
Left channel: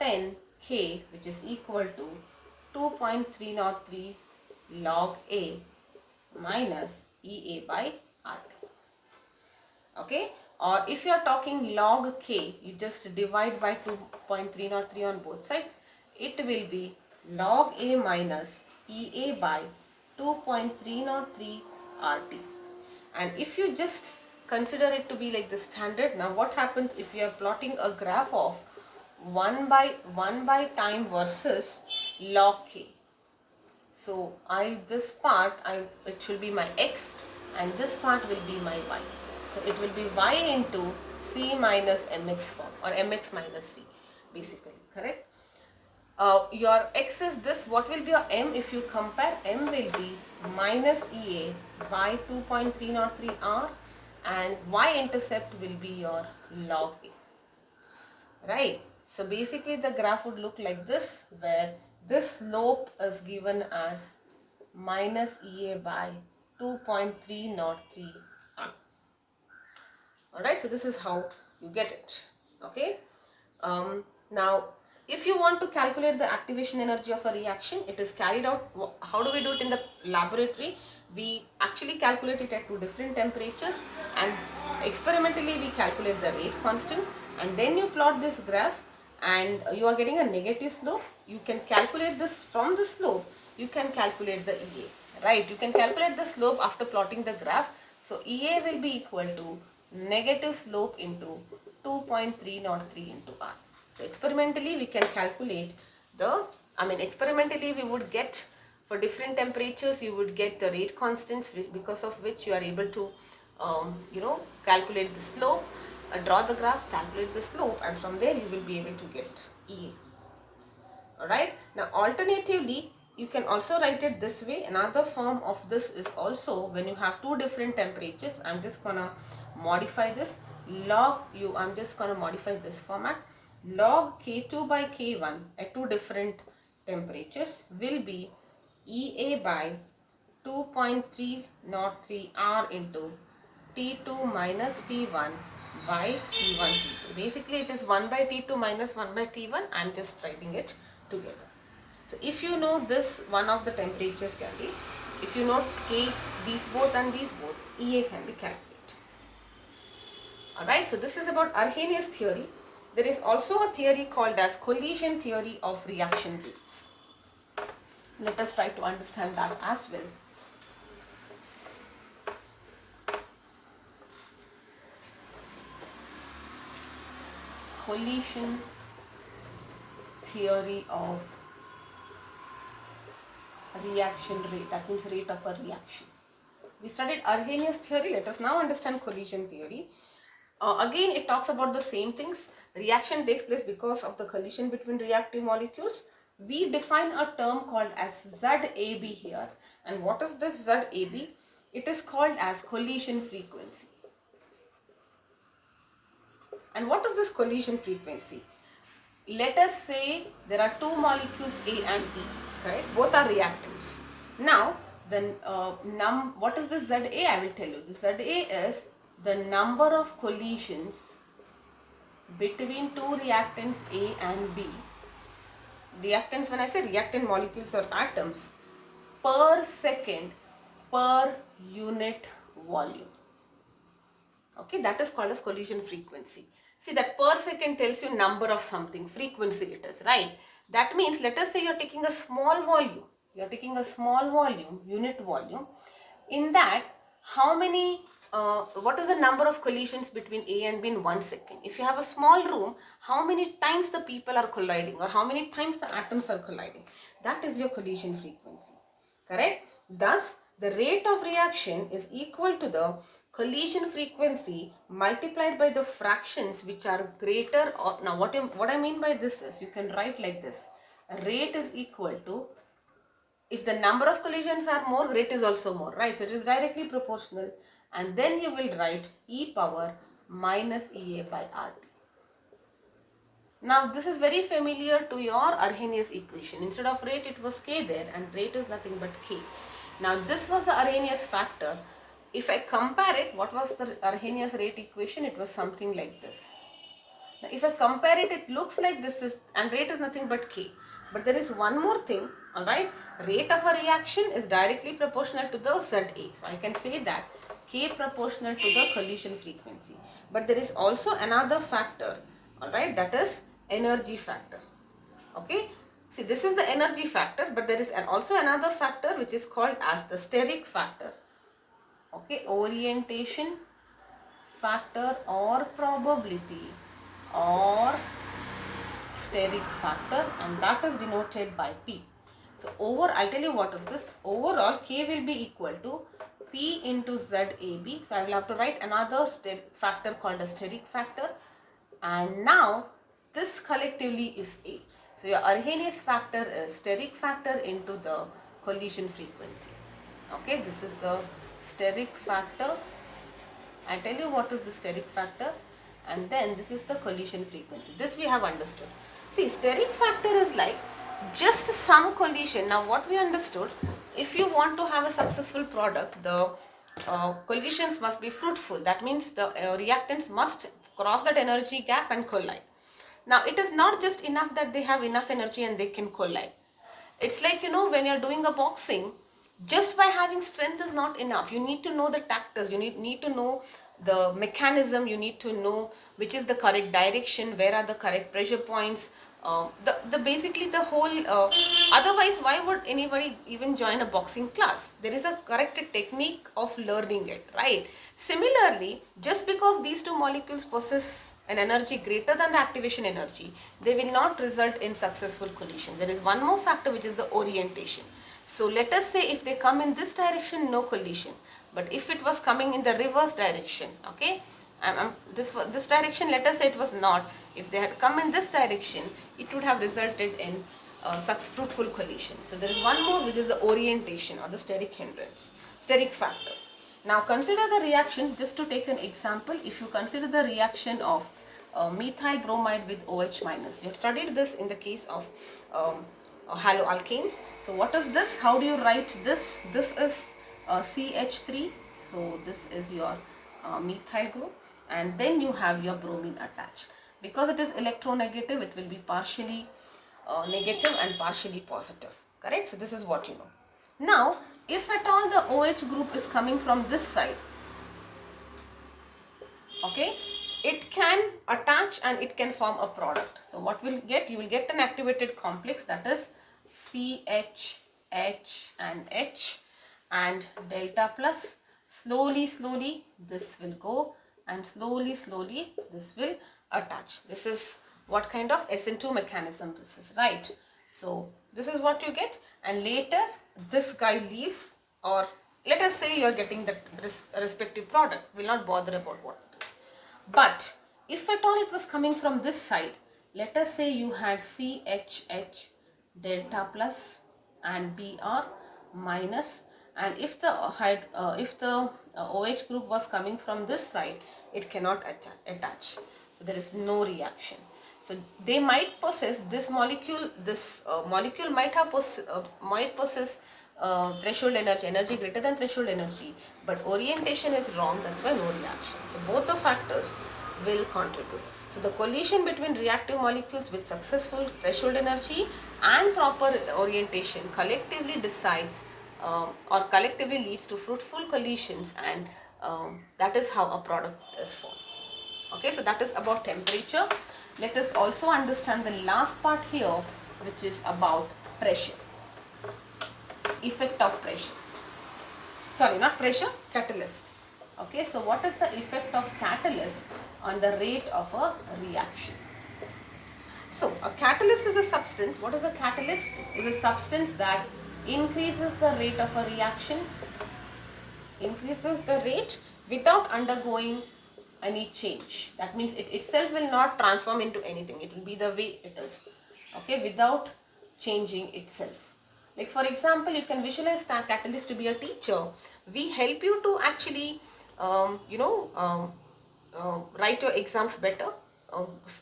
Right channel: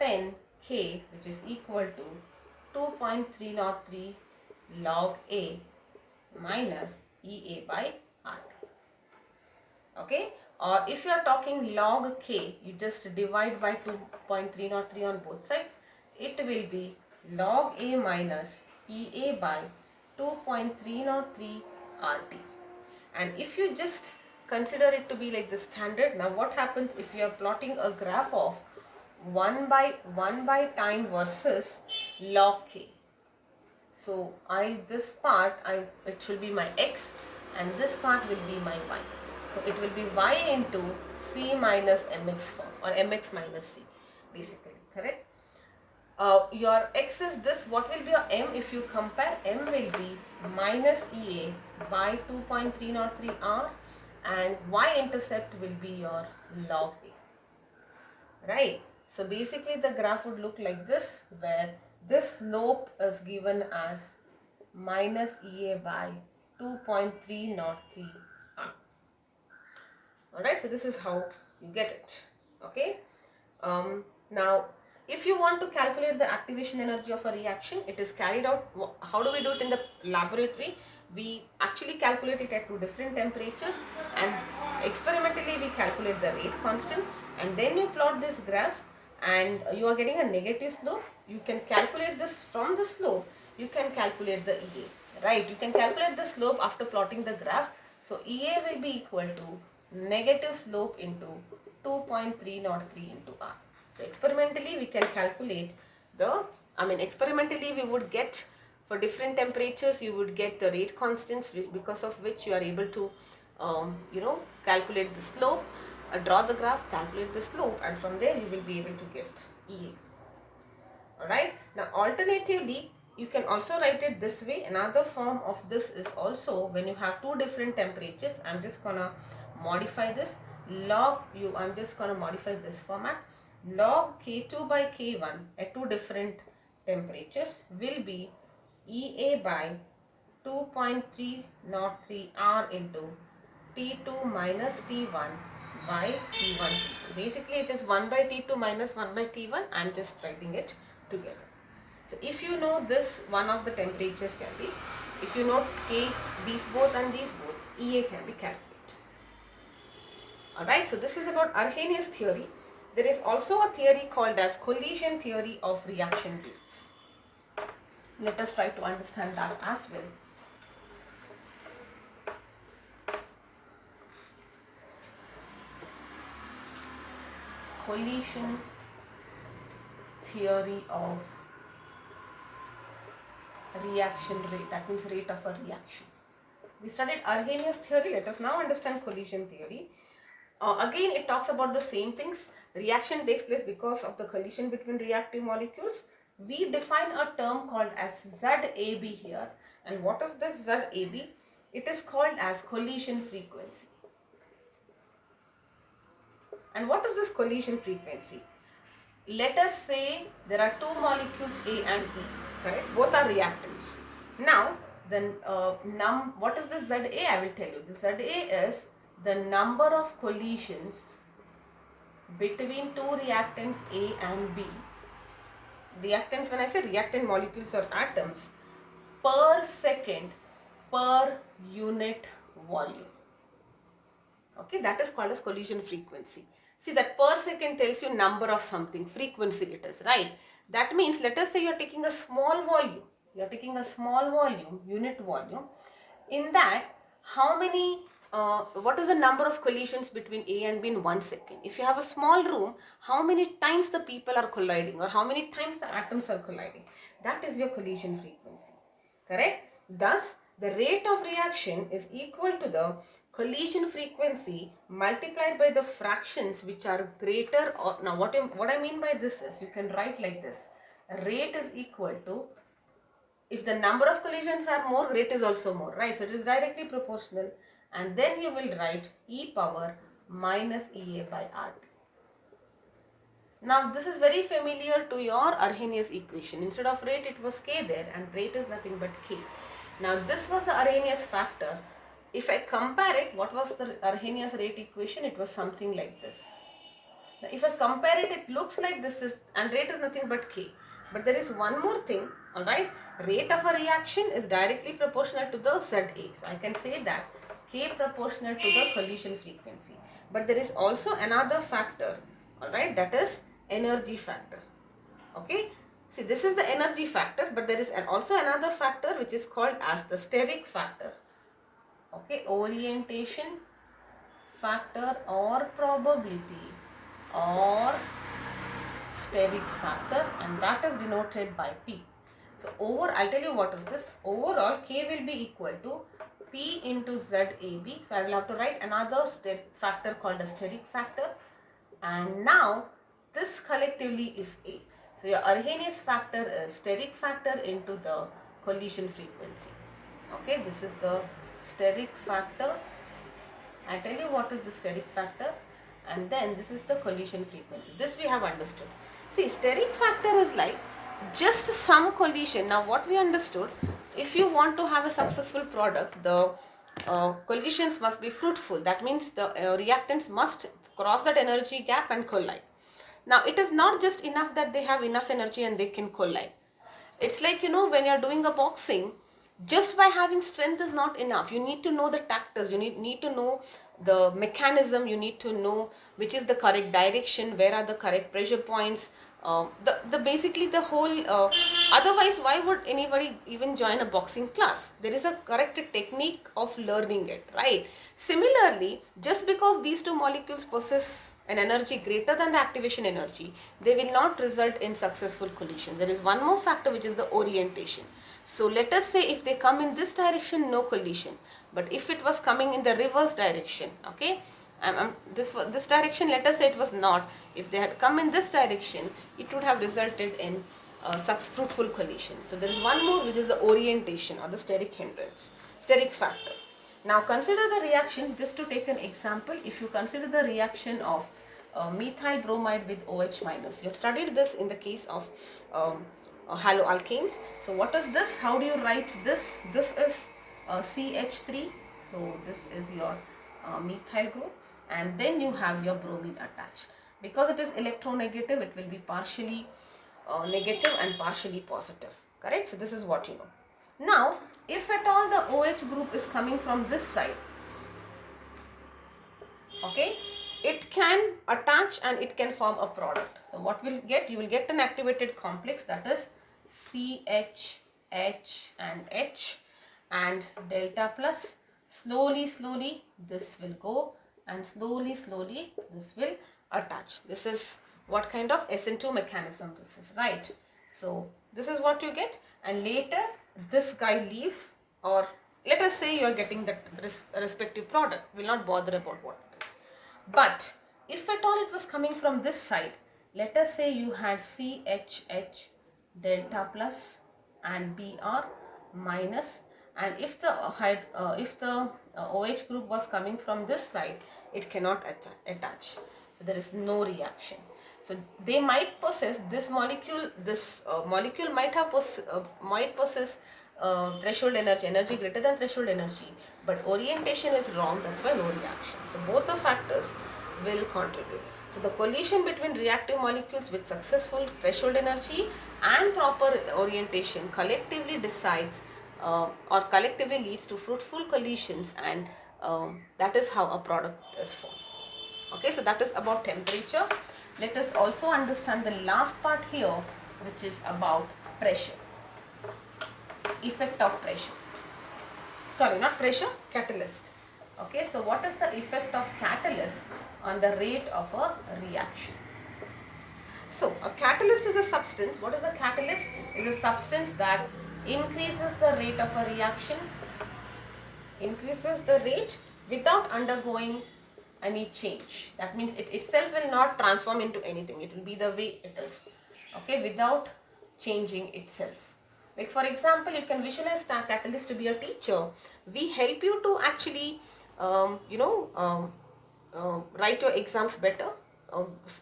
10k, which is equal to 2.303 log A minus EA by RT. Okay, or if you are talking log k, you just divide by 2.303 on both sides. It will be log A minus EA by 2.303 RT. And if you just consider it to be like the standard, now what happens if you are plotting a graph of 1 by time versus log k? So this part it should be my x and this part will be my y. So it will be y into c minus mx form, or mx minus c, basically, correct? Your x is this. What will be your m if you compare? M will be minus EA by 2.303 R, and y-intercept will be your log A. Right? So basically the graph would look like this, where this slope is given as minus EA by 2.303 R. Alright, so this is how you get it. Okay. Now, if you want to calculate the activation energy of a reaction, it is carried out. How do we do it in the laboratory? We actually calculate it at two different temperatures, and experimentally we calculate the rate constant, and then you plot this graph and you are getting a negative slope. You can calculate this from the slope. You can calculate the EA, right? You can calculate the slope after plotting the graph. So EA will be equal to negative slope into 2.303 into R. So experimentally we can calculate experimentally we would get, for different temperatures you would get the rate constants, because of which you are able to calculate the slope, draw the graph, calculate the slope, and from there you will be able to get EA. Alright, now alternatively you can also write it this way. Another form of this is also when you have two different temperatures. I'm just gonna modify this. I'm just gonna modify this format. Log K2 by K1 at two different temperatures will be EA by 2.303 R into T2 minus T1 by T1 T2. Basically it is 1 by T2 minus 1 by T1. I'm just writing it together. So if you know this, one of the temperatures can be, if you know K, these both and these both, EA can be calculated. Alright, so this is about Arrhenius theory. There is also a theory called as collision theory of reaction rates. Let us try to understand that as well. Collision theory of reaction rate, that means rate of a reaction. We studied Arrhenius theory. Let us now understand collision theory. Again, it talks about the same things. Reaction takes place because of the collision between reactive molecules. We define a term called as ZAB here. And what is this ZAB? It is called as collision frequency. And what is this collision frequency? Let us say there are two molecules A and E, correct? Both are reactants. Now, what is this ZA? I will tell you. The ZA is the number of collisions between two reactants A and B. Reactants, when I say reactant molecules or atoms, per second per unit volume. Okay, that is called as collision frequency. See, that per second tells you number of something, frequency it is, right? That means, let us say you are taking a small volume. You are taking a small volume, unit volume. In that, what is the number of collisions between A and B in 1 second? If you have a small room, how many times the people are colliding, or how many times the atoms are colliding? That is your collision frequency, correct? Thus, the rate of reaction is equal to the collision frequency multiplied by the fractions which are greater or, now what I mean by this is, you can write like this. Rate is equal to, if the number of collisions are more, rate is also more, right? So it is directly proportional, and then you will write E power minus EA by RT. Now this is very familiar to your Arrhenius equation. Instead of rate it was K there, and rate is nothing but K. Now this was the Arrhenius factor. If I compare it, what was the Arrhenius rate equation? It was something like this. Now, if I compare it, it looks like this is, and rate is nothing but K. But there is one more thing, alright. Rate of a reaction is directly proportional to the ZA. So I can say that K proportional to the collision frequency. But there is also another factor, alright, that is energy factor. Okay. See, this is the energy factor, but there is also another factor which is called as the steric factor. Okay, orientation factor or probability or steric factor, and that is denoted by P. So I'll tell you what is this. Overall, K will be equal to P into ZAB. So I will have to write another factor called a steric factor, and now this collectively is A. So your Arrhenius factor is steric factor into the collision frequency. Okay, this is the steric factor. I tell you what is the steric factor, and then this is the collision frequency. This we have understood. See, steric factor is like just some collision. Now what we understood, if you want to have a successful product, the collisions must be fruitful. That means the reactants must cross that energy gap and collide. Now it is not just enough that they have enough energy and they can collide. It's like, when you're doing a boxing, just by having strength is not enough. You need to know the tactics, you need to know the mechanism, you need to know which is the correct direction, where are the correct pressure points, the basically the whole, otherwise why would anybody even join a boxing class? There is a correct technique of learning it, right? Similarly, just because these two molecules possess an energy greater than the activation energy, they will not result in successful collision. There is one more factor, which is the orientation. So let us say if they come in this direction, no collision. But if it was coming in the reverse direction, okay, this direction, let us say it was not. If they had come in this direction, it would have resulted in such fruitful collision. So there is one more, which is the orientation or the steric hindrance, steric factor. Now consider the reaction, just to take an example. If you consider the reaction of methyl bromide with OH minus. Let's study this in the case of haloalkanes. So what is this? How do you write this? This is CH3. So this is your methyl group, and then you have your bromine attached. Because it is electronegative, it will be partially negative and partially positive. Correct? So this is what you know. Now, if at all the OH group is coming from this side, okay, it can attach and it can form a product. So what will get? You will get an activated complex, that is CH, H and H and delta plus. Slowly this will go, and slowly this will attach. This is what kind of SN2 mechanism this is, right? So this is what you get, and later this guy leaves, or let us say you are getting that respective product. We'll not bother about what it is. But if at all it was coming from this side, let us say you had CHH delta plus and Br minus, and if the OH group was coming from this side, it cannot attach. So there is no reaction. So they might possess this molecule. This molecule might possess threshold energy greater than threshold energy, but orientation is wrong. That's why no reaction. So both the factors will contribute. So the collision between reactive molecules with successful threshold energy and proper orientation collectively decides or collectively leads to fruitful collisions, and that is how a product is formed. Okay, so that is about temperature. Let us also understand the last part here, which is about pressure. Effect of pressure. Sorry, not pressure, catalyst. Okay, so what is the effect of catalyst on the rate of a reaction? So a catalyst is a substance. What is a catalyst? It is a substance that increases the rate of a reaction, increases the rate without undergoing any change. That means it itself will not transform into anything. It will be the way it is. Okay, without changing itself. Like for example, you can visualize catalyst to be a teacher. We help you to actually, write your exams better,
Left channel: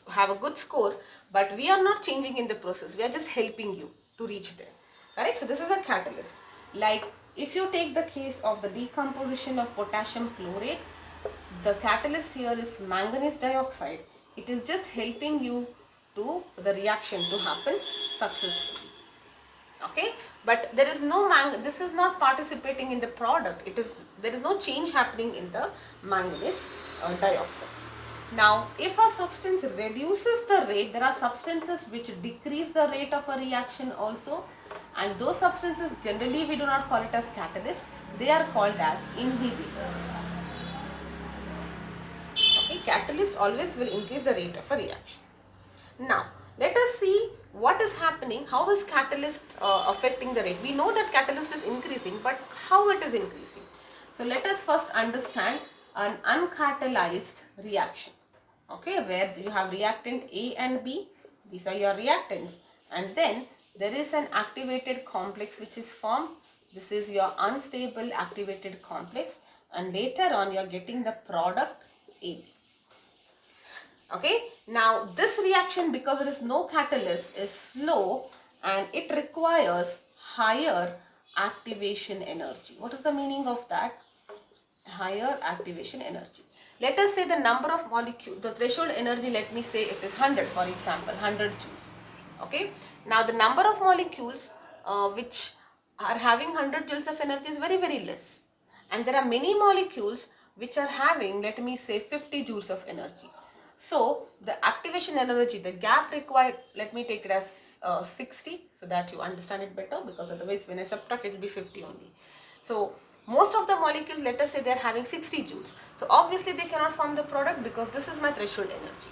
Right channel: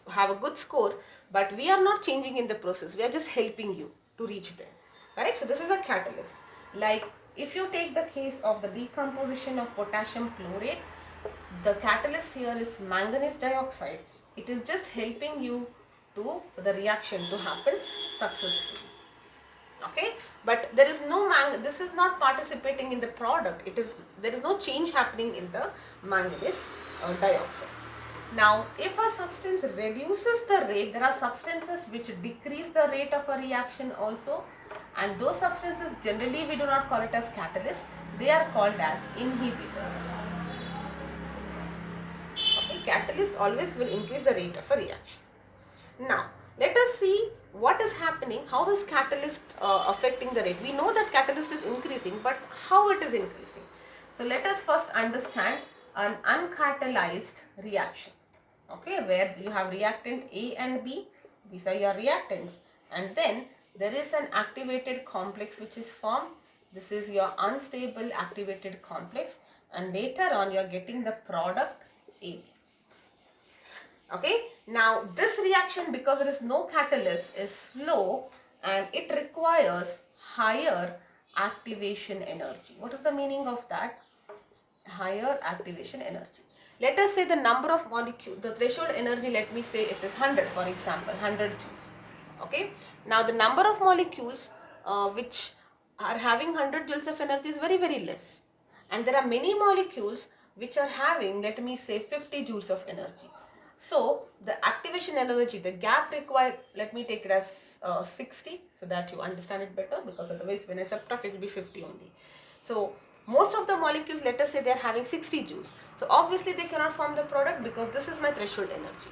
have a good score, but we are not changing in the process. We are just helping you to reach there. Correct? So this is a catalyst. Like if you take the case of the decomposition of potassium chlorate, the catalyst here is manganese dioxide. It is just helping you to the reaction to happen successfully. Okay, but there is no this is not participating in the product. There is no change happening in the manganese dioxide. Now, if a substance reduces the rate, there are substances which decrease the rate of a reaction also, and those substances generally we do not call it as catalyst, they are called as inhibitors. Okay, catalyst always will increase the rate of a reaction. Now, let us see what is happening, how is catalyst affecting the rate. We know that catalyst is increasing, but how it is increasing. So, let us first understand an uncatalyzed reaction. Okay, where you have reactant A and B, these are your reactants, and then there is an activated complex which is formed. This is your unstable activated complex, and later on you are getting the product AB. Okay, now this reaction, because there is no catalyst, is slow and it requires higher activation energy. What is the meaning of that? Higher activation energy. Let us say the number of molecules, the threshold energy, let me say it is 100, for example, 100 joules. Okay, now the number of molecules which are having 100 joules of energy is very, very less. And there are many molecules which are having, let me say, 50 joules of energy. So the activation energy, the gap required, let me take it as 60 so that you understand it better, because otherwise when I subtract it will be 50 only. So most of the molecules, let us say they are having 60 joules. So obviously they cannot form the product because this is my threshold energy.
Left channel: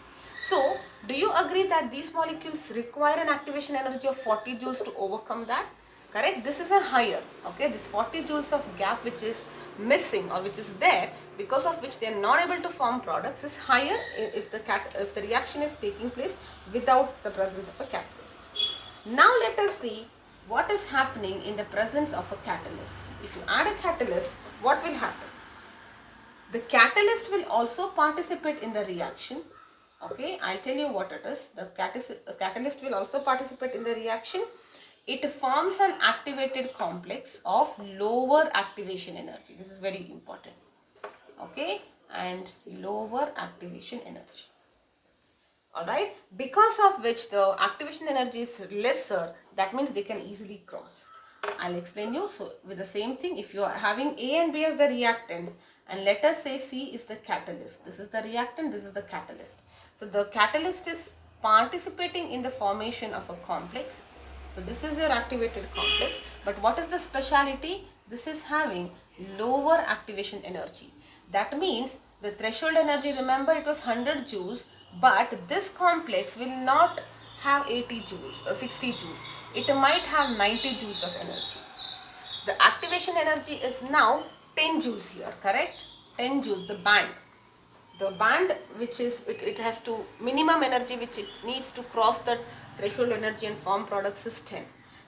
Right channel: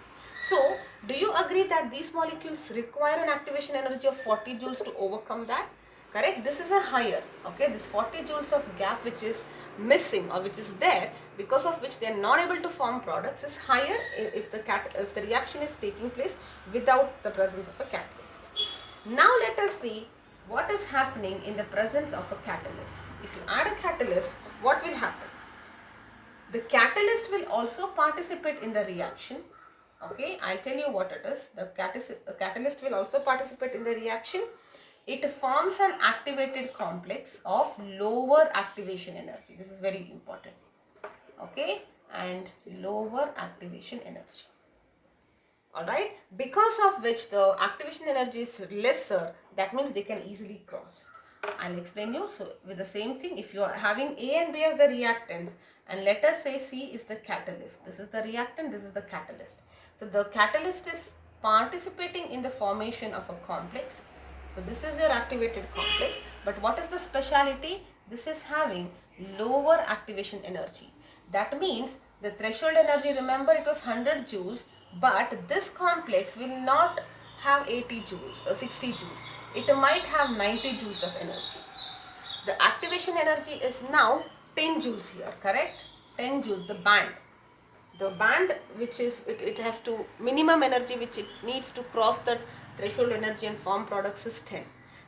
So do you agree that these molecules require an activation energy of 40 joules to overcome that? Correct? This is a higher, okay, this 40 joules of gap which is missing or which is there, because of which they are not able to form products, is higher if the reaction is taking place without the presence of a catalyst. Now let us see what is happening in the presence of a catalyst. If you add a catalyst, what will happen? The catalyst will also participate in the reaction. Okay, I'll tell you what it is. The catalyst will also participate in the reaction. It forms an activated complex of lower activation energy. This is very important. Okay, and lower activation energy. Alright, because of which the activation energy is lesser, that means they can easily cross. I'll explain you. So with the same thing, if you are having A and B as the reactants, and let us say C is the catalyst. This is the reactant, this is the catalyst. So the catalyst is participating in the formation of a complex. So this is your activated complex. But what is the speciality? This is having lower activation energy. That means the threshold energy, remember it was 100 joules, but this complex will not have 80 joules, 60 joules. It might have 90 joules of energy. The activation energy is now 10 joules here, correct? 10 joules, the band. The band which is, it has to, minimum energy which it needs to cross the threshold energy and form products is 10.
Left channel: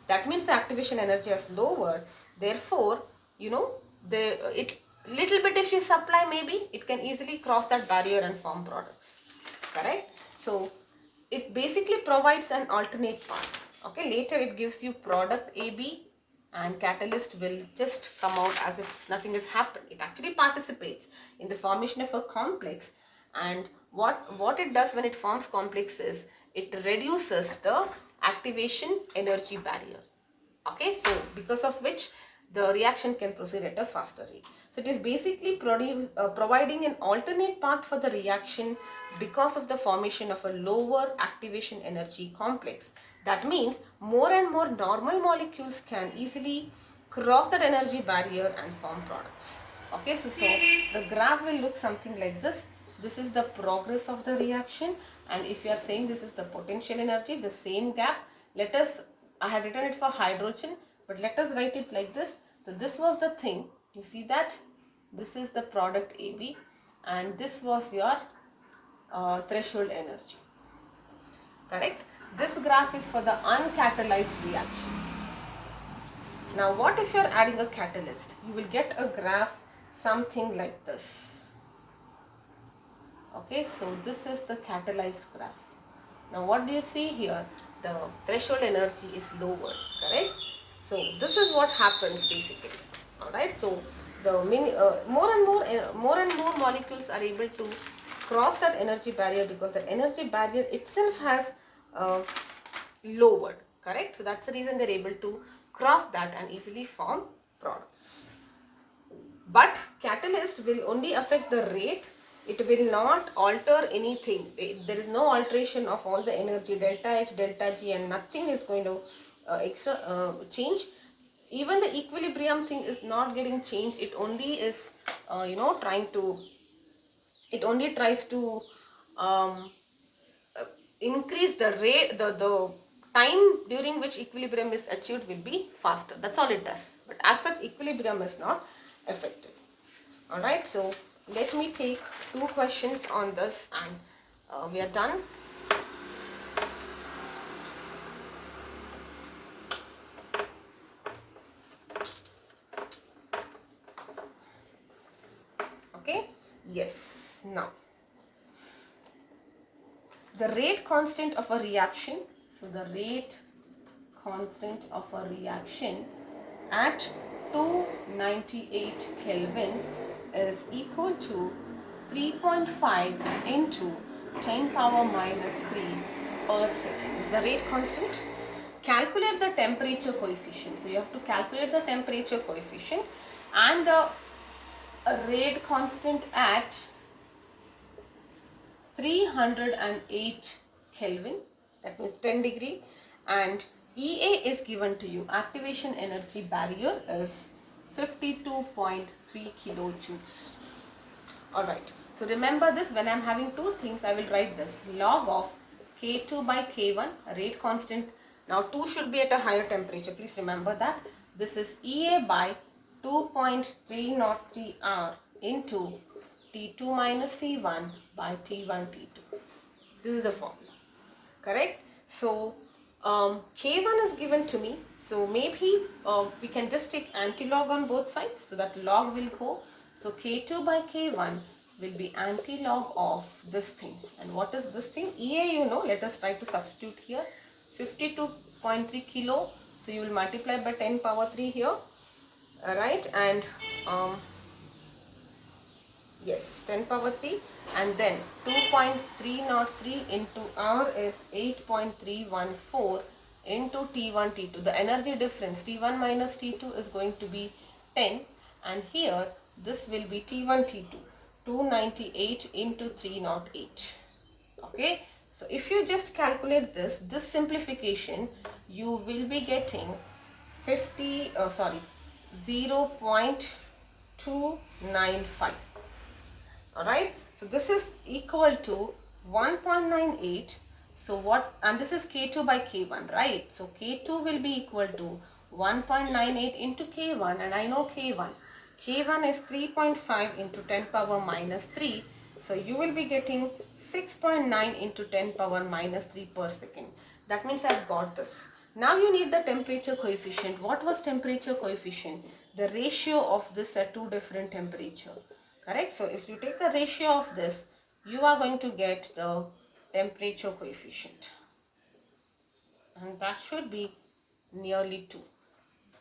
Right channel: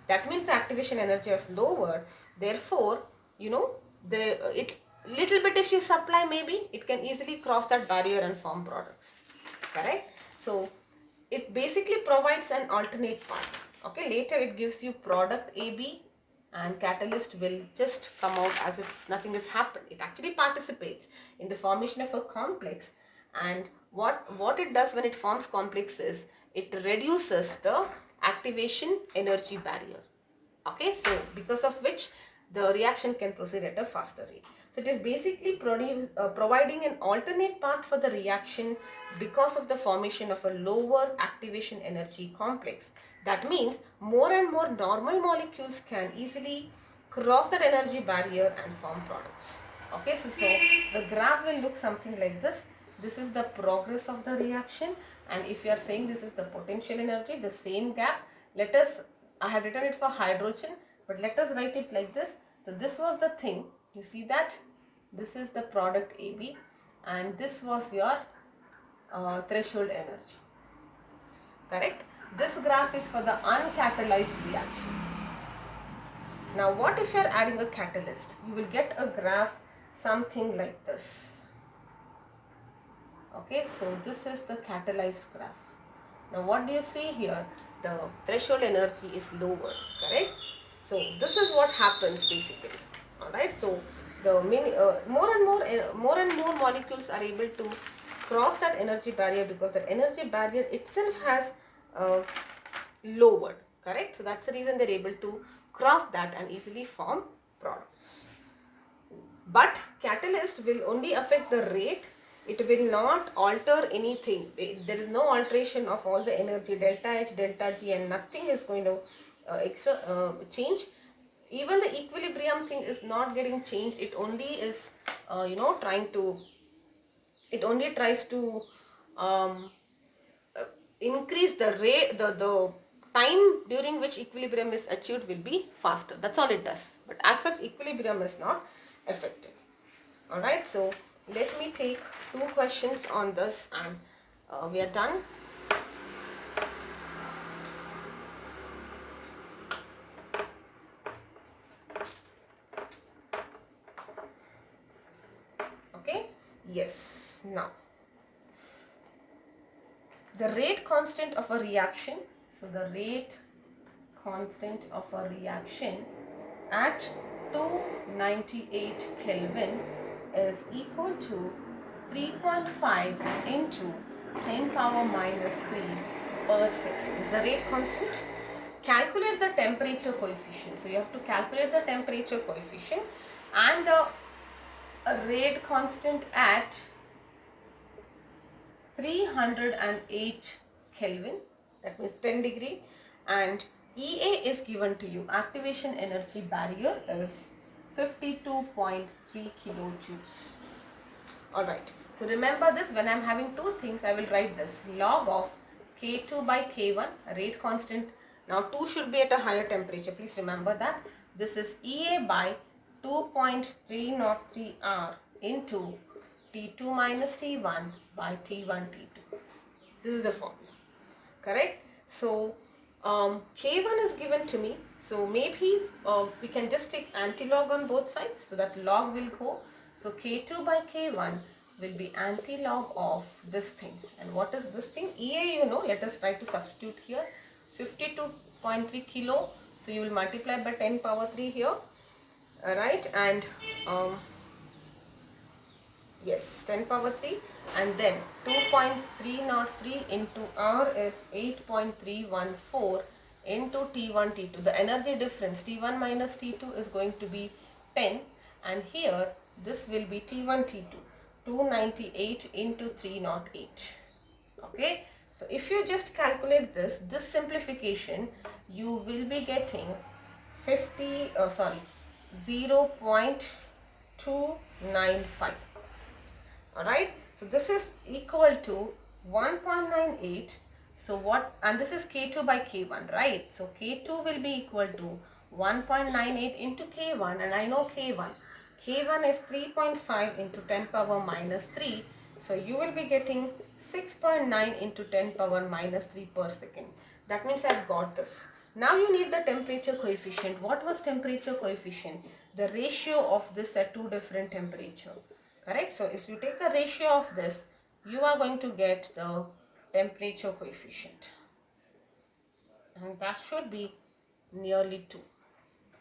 That means the activation energy is lower. Therefore, you know, little bit if you supply, maybe it can easily cross that barrier and form products. Correct? So it basically provides an alternate path. Okay, later it gives you product AB and catalyst will just come out as if nothing has happened. It actually participates in the formation of a complex, and what it does when it forms complexes, it reduces the activation energy barrier. Okay, so because of which the reaction can proceed at a faster rate. So it is basically providing an alternate path for the reaction because of the formation of a lower activation energy complex. That means more and more normal molecules can easily cross that energy barrier and form products. Okay, so the graph will look something like this. This is the progress of the reaction, and if you are saying this is the potential energy, the same gap, I have written it for hydrogen, but let us write it like this. So this was the thing, you see that this is the product AB and this was your threshold energy, correct? This graph is for the uncatalyzed reaction. Now what if you are adding a catalyst? You will get a graph something like this. Okay, so this is the catalyzed graph. Now what do you see here? The threshold energy is lower, correct? So this is what happens basically. Alright, so the more and more molecules are able to cross that energy barrier because that energy barrier itself has lowered, correct? So that's the reason they're able to cross that and easily form products. But catalyst will only affect the rate. It will not alter anything. There is no alteration of all the energy, delta H, delta G, and nothing is going to change. Even the equilibrium thing is not getting changed. It only is, it only tries to um, increase the rate, the time during which equilibrium is achieved will be faster. That's all it does. But as such, equilibrium is not affected. Alright, so let me take 2 questions on this and we are done. Okay, yes. Now, the rate constant of a reaction. So, the rate constant of a reaction at 298 Kelvin is equal to 3.5 into 10 power minus 3 per second. Is the rate constant. Calculate the temperature coefficient. So you have to calculate the temperature coefficient and the rate constant at 308 Kelvin, that means 10 degree, and EA is given to you. Activation energy barrier is 52.3 kilojoules. Alright, so remember this, when I am having 2 things, I will write this log of K2 by K1, rate constant. Now 2 should be at a higher temperature, please remember that. This is EA by 2.303 R into T2 minus T1 by T1 T2. This is the formula, correct? So K1 is given to me, so maybe we can just take anti-log on both sides, so that log will go. So K2 by K1 will be anti-log of this thing. And what is this thing? EA, you know, let us try to substitute here. 52.3 kilo, so you will multiply by 10 power 3 here, alright, and yes, 10 power 3, and then 2.303 into R is 8.314 into T1 T2. The energy difference T1 minus T2 is going to be 10, and here this will be T1 T2, 298 into 308. Okay, so if you just calculate this simplification, you will be getting 0.295. Alright, so this is equal to 1.98. So what, and this is K2 by K1, right? So K2 will be equal to 1.98 into K1, and I know K1. K1 is 3.5 into 10 power minus 3. So you will be getting 6.9 into 10 power minus 3 per second. That means I've got this. Now you need the temperature coefficient. What was temperature coefficient? The ratio of this at 2 different temperature. Correct? So if you take the ratio of this, you are going to get the temperature coefficient. And that should be nearly 2.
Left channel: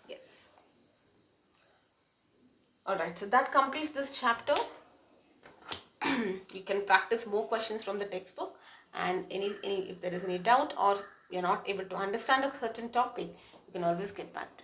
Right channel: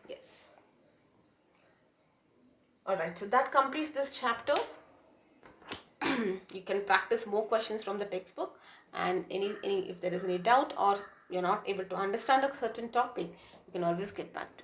Yes. Alright, so that completes this chapter. You can practice more questions from the textbook, and if there is any doubt or you're not able to understand a certain topic, you can always get back to me.